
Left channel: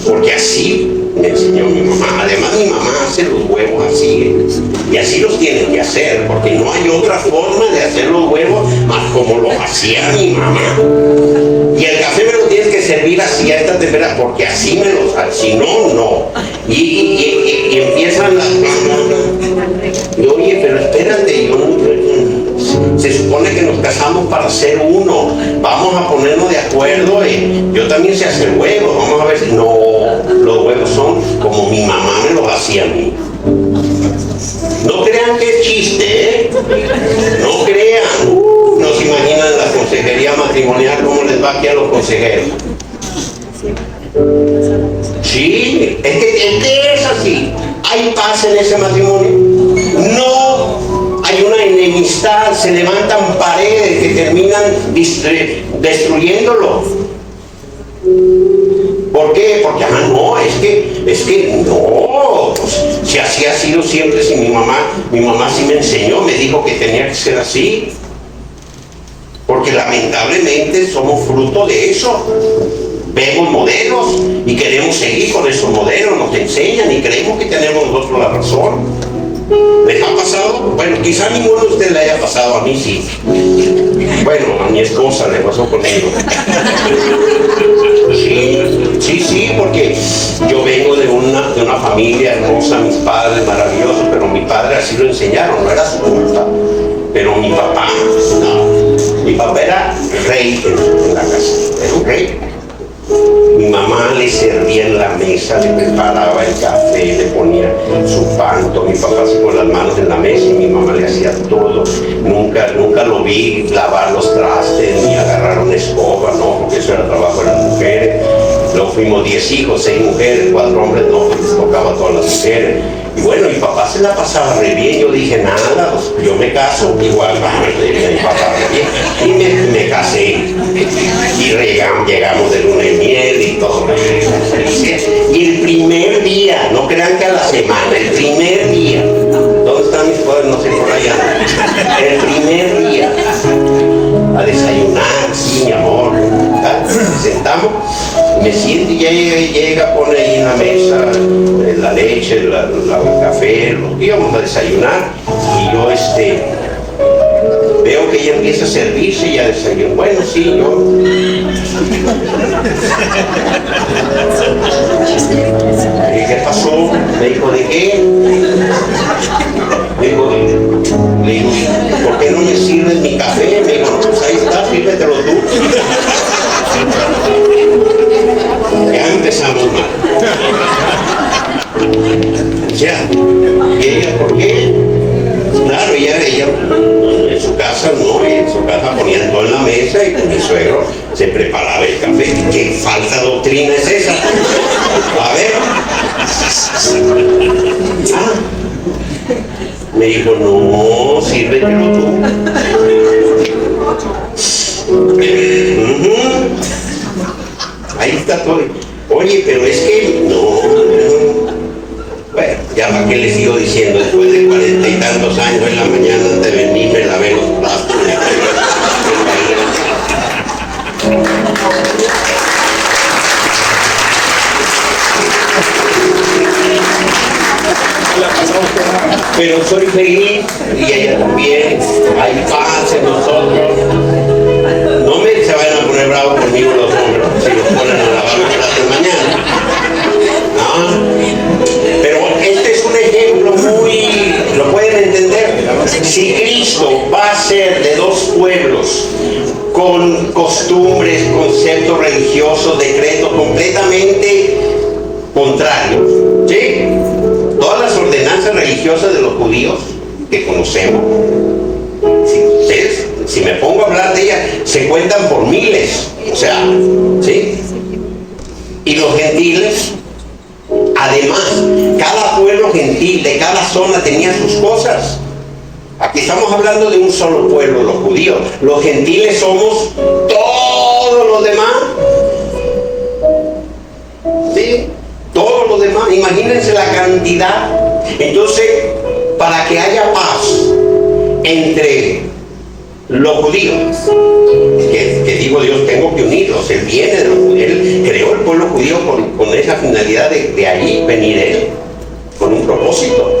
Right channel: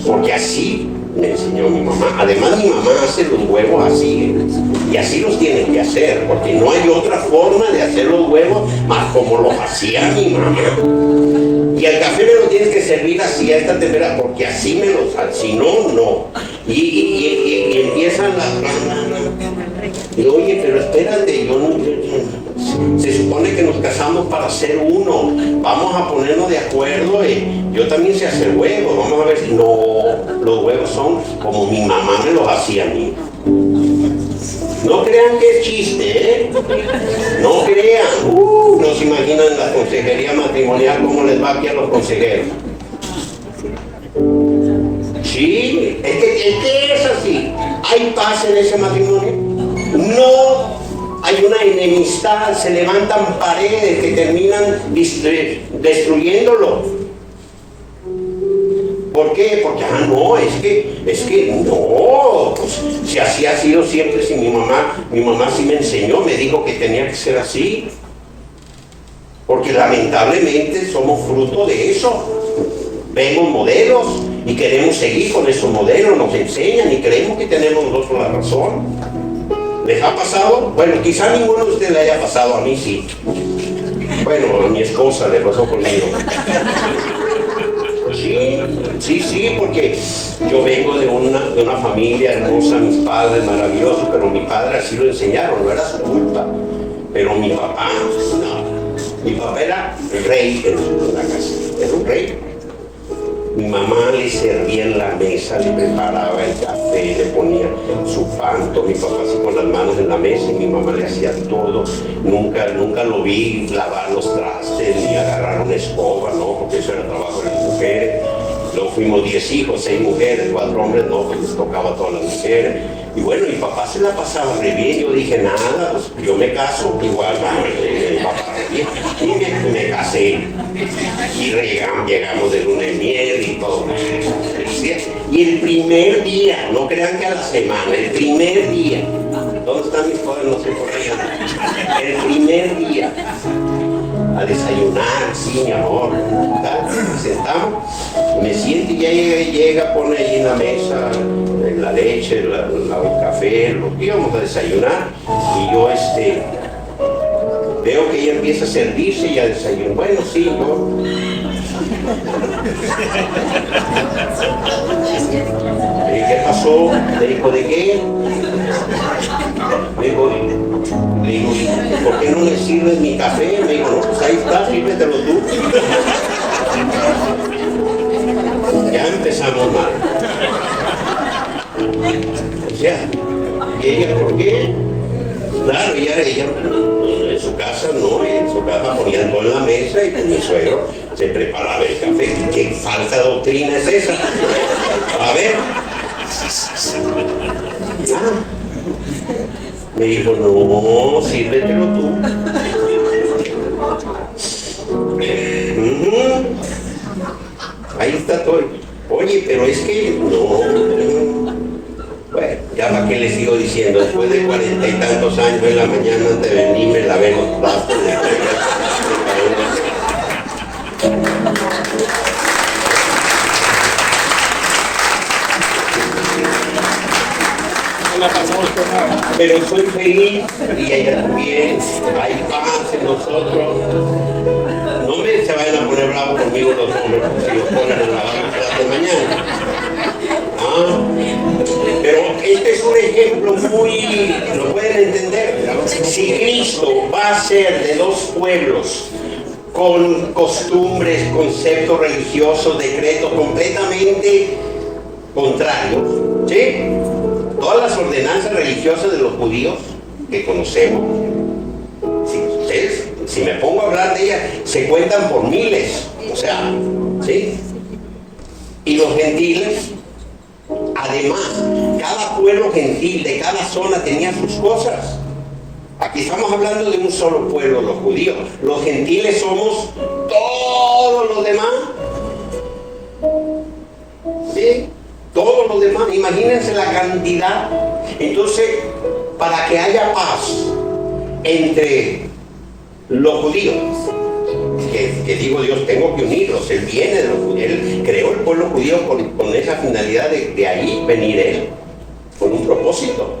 Porque así me enseñó mi mamá. Además mi mamá hace los huevos así, y así los tienen que hacer, porque no hay otra forma de hacer los huevos más como los hacía mi mamá. Y el café me lo tienes que servir así a esta temperatura, porque así me lo, si no, no. Y empiezan las... Y oye, pero espérate, se supone que nos casamos para ser uno, vamos a ponernos de acuerdo, yo también sé hacer huevos, vamos a ver si no, los huevos son como mi mamá me los hacía a mí. No crean que es chiste, ¿eh? No crean, no se imaginan en la consejería matrimonial cómo les va aquí a los consejeros. Sí, es que es así. ¿Hay paz en ese matrimonio? No, hay una enemistad, se levantan paredes que terminan destruyéndolo. ¿Por qué? Porque, no, es que no, pues, si así ha sido siempre, si mi mamá sí me enseñó, me dijo que tenía que ser así. Porque lamentablemente somos fruto de eso. Vemos modelos y queremos seguir con esos modelos, nos enseñan y creemos que tenemos nosotros la razón. ¿Les ha pasado? Bueno, quizá ninguno de ustedes le haya pasado, a mí sí. Bueno, a mi esposa le pasó conmigo. Sí, porque yo vengo de una familia hermosa, mis padres maravillosos, pero mi padre así lo enseñaron, no era su culpa. Pero mi papá, no. Mi papá era rey en la casa, era un rey. Mi mamá le servía en la mesa, le preparaba el café, le ponía su pan, todo. Mi papá así con las manos en la mesa y mi mamá le hacía todo. Nunca lo vi lavar los trastes ni agarrar una escoba, no, porque eso era trabajo de las mujeres. Luego fuimos 10 hijos, 6 mujeres, 4 hombres, no, pues les tocaba a todas las mujeres. Y bueno, mi papá se la pasaba re bien. Yo dije, nada, pues, yo me caso, igual, mi papá re bien. Y me casé. Y llegamos de luna de miel y todo. Y el primer día, no crean que a la semana, el primer día, ¿dónde están mis padres? No sé, por allá. El primer día, a desayunar, sí, mi amor, sentamos, me siento y ya llega, pone ahí en la mesa la leche, el café, lo que íbamos a desayunar, y yo veo que ella empieza a servirse y a desayunar. Bueno, sí, yo. Le dije, ¿qué pasó? Me dijo, ¿de qué? Le digo, ¿por qué no me sirves mi café? Me dijo, no, pues ahí está, sírvetelo tú. Ya empezamos mal. O sea, ¿y ella por qué? Claro, ella en su casa no, en su casa ponían todo en la mesa y con mi suegro se preparaba el café. ¿Qué falsa doctrina es esa? A ver. Me dijo, no, sírvetelo tú. Ahí está todo. Oye, pero es que no. Bueno, ya para qué les sigo diciendo, después de 40 y tantos años en la mañana antes de venir me lavé los platos. Pero soy feliz y ella también. Hay paz en nosotros. No se vayan a poner bravos conmigo los hombres si los ponen a lavar los platos mañana. ¿No? Pero este es un ejemplo muy, lo pueden entender. Si Cristo va a ser de dos pueblos con costumbres, conceptos religiosos, decretos completamente contrarios, ¿sí? Todas las ordenanzas religiosas de los judíos que conocemos, si me pongo a hablar de ellas, se cuentan por miles, o sea, ¿sí? Y los gentiles, además, cada pueblo gentil de cada zona tenía sus cosas. Aquí estamos hablando de un solo pueblo, los judíos. Los gentiles somos todos los demás. imagínense la cantidad. Entonces, para que haya paz entre los judíos, que digo Dios, tengo que unirlos, Él viene de los judíos, Él creó el pueblo judío con esa finalidad de ahí venir Él, con un propósito.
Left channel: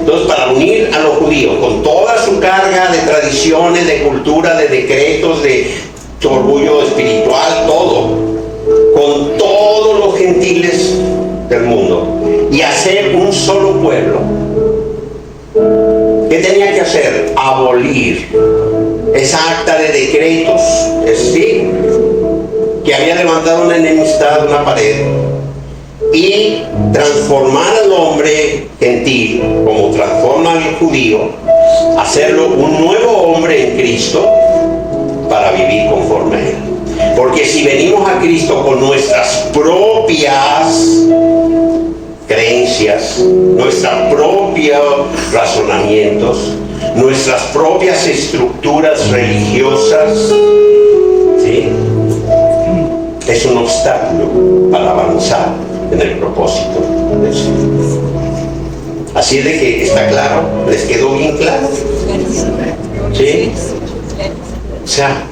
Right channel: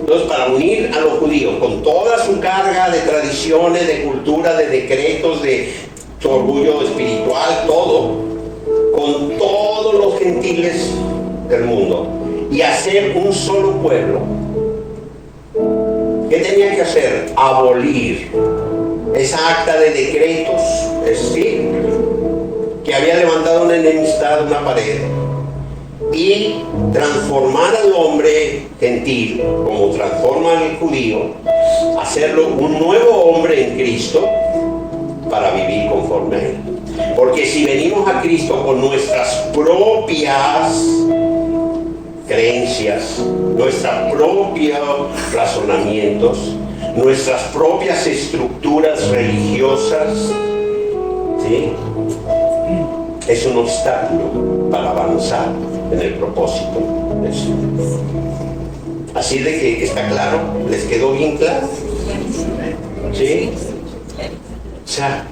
Entonces, para unir a los judíos con toda su carga de tradiciones, de cultura, de decretos, de orgullo espiritual, todo, con todos los gentiles del mundo, y hacer un solo pueblo, ¿qué tenía que hacer? Abolir esa acta de decretos, ¿sí?, que había levantado una enemistad, una pared, y transformar al hombre gentil, como transforma al judío, hacerlo un nuevo hombre en Cristo para vivir conforme a Él. Porque si venimos a Cristo con nuestras propias creencias, nuestros propios razonamientos, nuestras propias estructuras religiosas, ¿sí?, es un obstáculo para avanzar en el propósito del Señor. Así de que está claro, ¿les quedó bien claro? ¿Sí? O sea,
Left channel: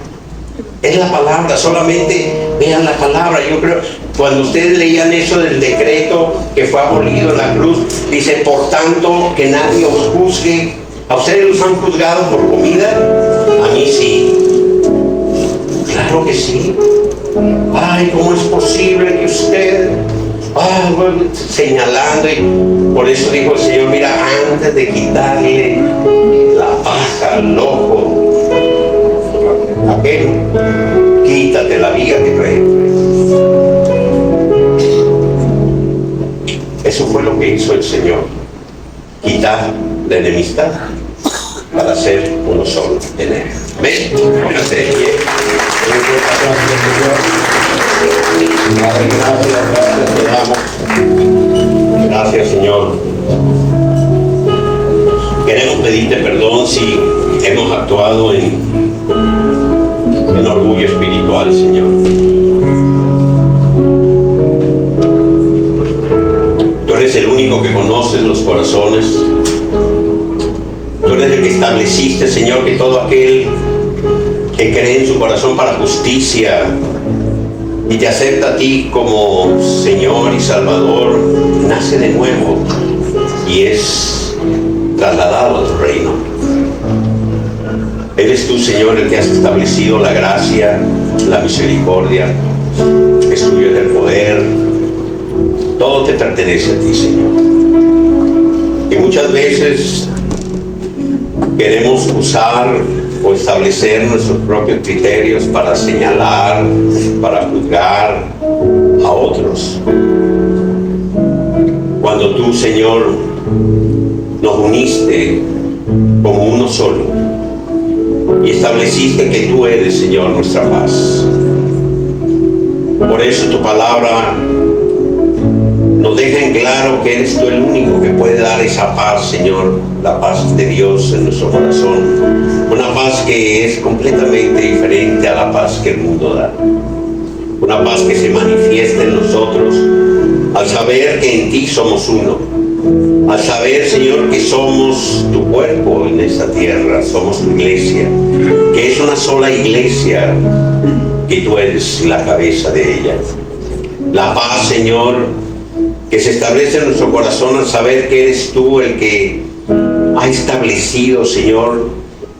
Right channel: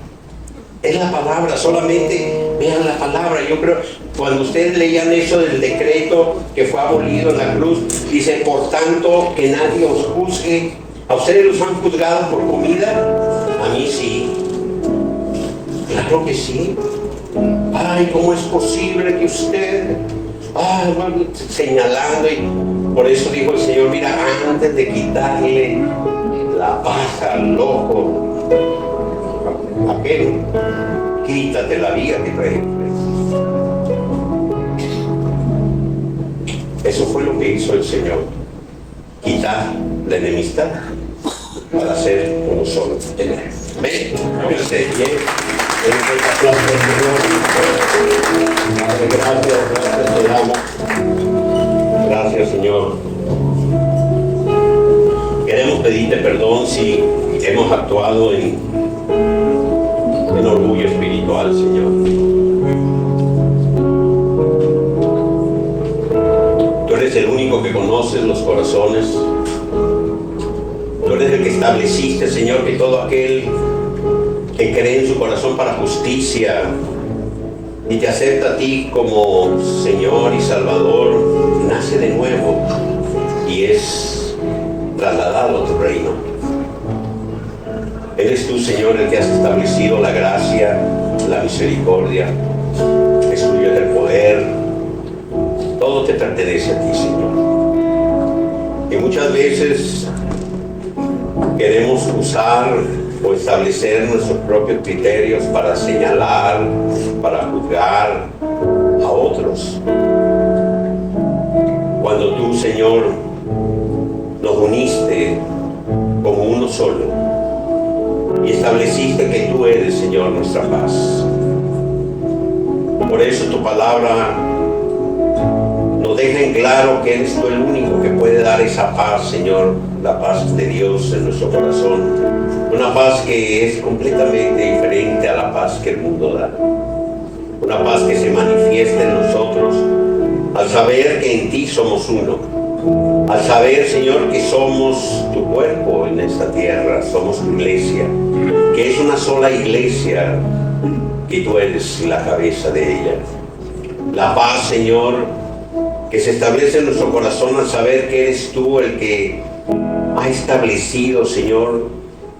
es la palabra, solamente vean la palabra. Yo creo, cuando ustedes leían eso del decreto que fue abolido en la cruz, dice, por tanto, que nadie os juzgue. ¿A ustedes los han juzgado por comida? A mí sí. Claro que sí. Ay, ¿cómo es posible que usted... bueno, señalando, y por eso dijo el Señor, mira, antes de quitarle la paja al ojo a aquel, quítate la viga que trae. Eso fue lo que hizo el Señor, quitar la enemistad para ser uno solo en Él. ¿Ven? Pónganse de pie. Padre, gracias, te damos. Gracias, Señor. Queremos pedirte perdón si hemos actuado en orgullo espiritual, Señor. Tú eres el único que conoces los corazones. Tú eres el que estableciste, Señor, que todo aquel que cree en su corazón para justicia y te acepta a ti como Señor y Salvador, nace de nuevo y es trasladado a tu reino. Eres tú, Señor, el que has establecido la gracia, la misericordia, es tuyo el poder, todo te pertenece a ti, Señor. Y muchas veces queremos usar o establecer nuestros propios criterios para señalar, para juzgar a otros. Cuando tú, Señor, nos uniste como uno solo y estableciste que tú eres, Señor, nuestra paz. Por eso tu palabra nos deja en claro que eres tú el único que puede dar esa paz, Señor, la paz de Dios en nuestro corazón. Una paz que es completamente diferente a la paz que el mundo da. Una paz que se manifiesta en nosotros al saber que en ti somos uno. Al saber, Señor, que somos tu cuerpo en esta tierra, somos tu iglesia, que es una sola iglesia, que tú eres la cabeza de ella. La paz, Señor, que se establece en nuestro corazón al saber que eres tú el que ha establecido, Señor,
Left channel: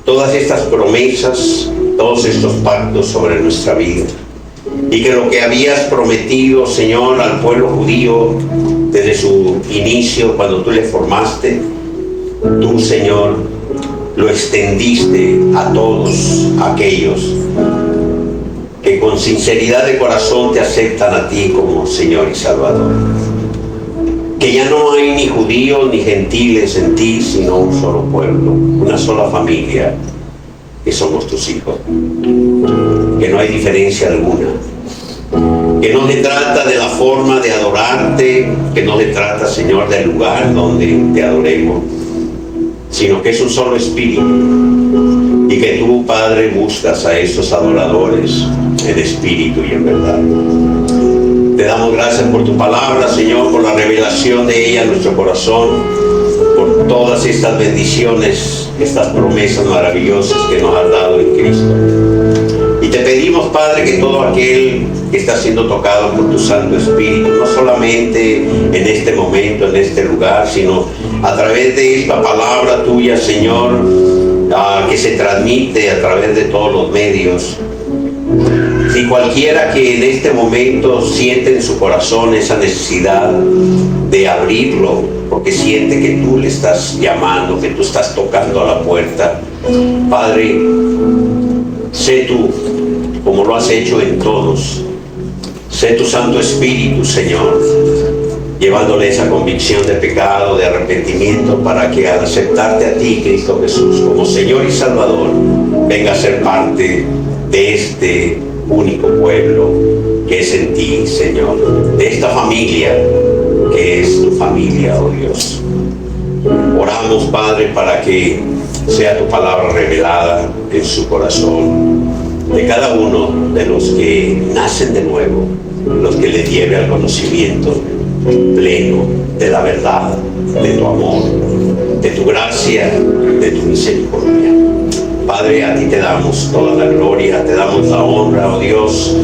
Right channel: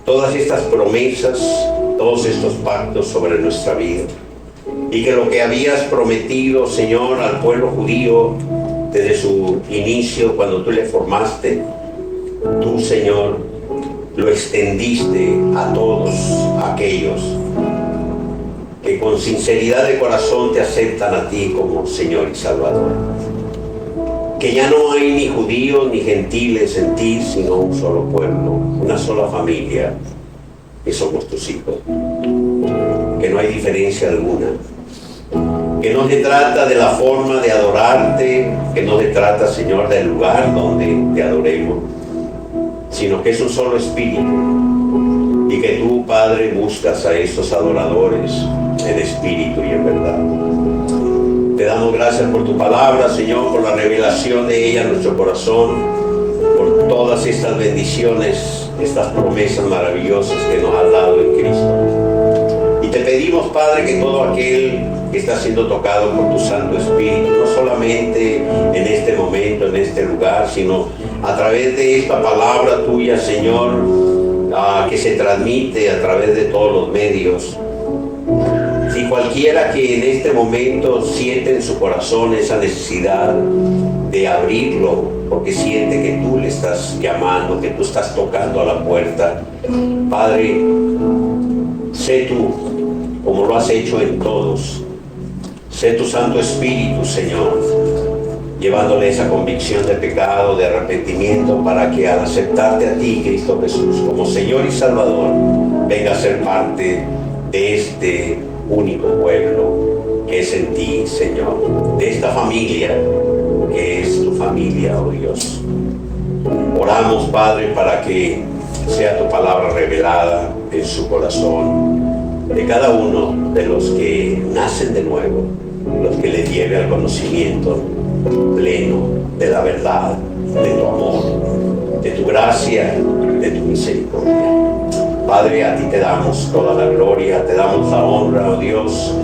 todas estas promesas, todos estos pactos sobre nuestra vida. Y que lo que habías prometido, Señor, al pueblo judío desde su inicio, cuando tú le formaste, tú, Señor, lo extendiste a todos aquellos que con sinceridad de corazón te aceptan a ti como Señor y Salvador. Que ya no hay ni judíos ni gentiles en ti, sino un solo pueblo, una sola familia, que somos tus hijos. Que no hay diferencia alguna. Que no se trata de la forma de adorarte, que no se trata, Señor, del lugar donde te adoremos, sino que es un solo espíritu. Y que tú, Padre, buscas a estos adoradores en espíritu y en verdad. Te damos gracias por tu palabra, Señor, por la revelación de ella en nuestro corazón, por todas estas bendiciones, estas promesas maravillosas que nos has dado en Cristo. Y te pedimos, Padre, que todo aquel que está siendo tocado por tu Santo Espíritu, no solamente en este momento, en este lugar, sino a través de esta palabra tuya, Señor, que se transmite a través de todos los medios. Si cualquiera que en este momento siente en su corazón esa necesidad de abrirlo, porque siente que tú le estás llamando, que tú estás tocando a la puerta, Padre, sé tú, como lo has hecho en todos, sé tu Santo Espíritu, Señor, llevándole esa convicción de pecado, de arrepentimiento, para que al aceptarte a ti, Cristo Jesús, como Señor y Salvador, venga a ser parte de este único pueblo que es en ti, Señor, de esta familia que es tu familia, oh Dios. Oramos, Padre, para que sea tu palabra revelada en su corazón, de cada uno de los que nacen de nuevo, los que les lleve al conocimiento pleno de la verdad, de tu amor, de tu gracia, de tu misericordia. Padre, a ti te damos toda la gloria, te damos la honra, oh Dios,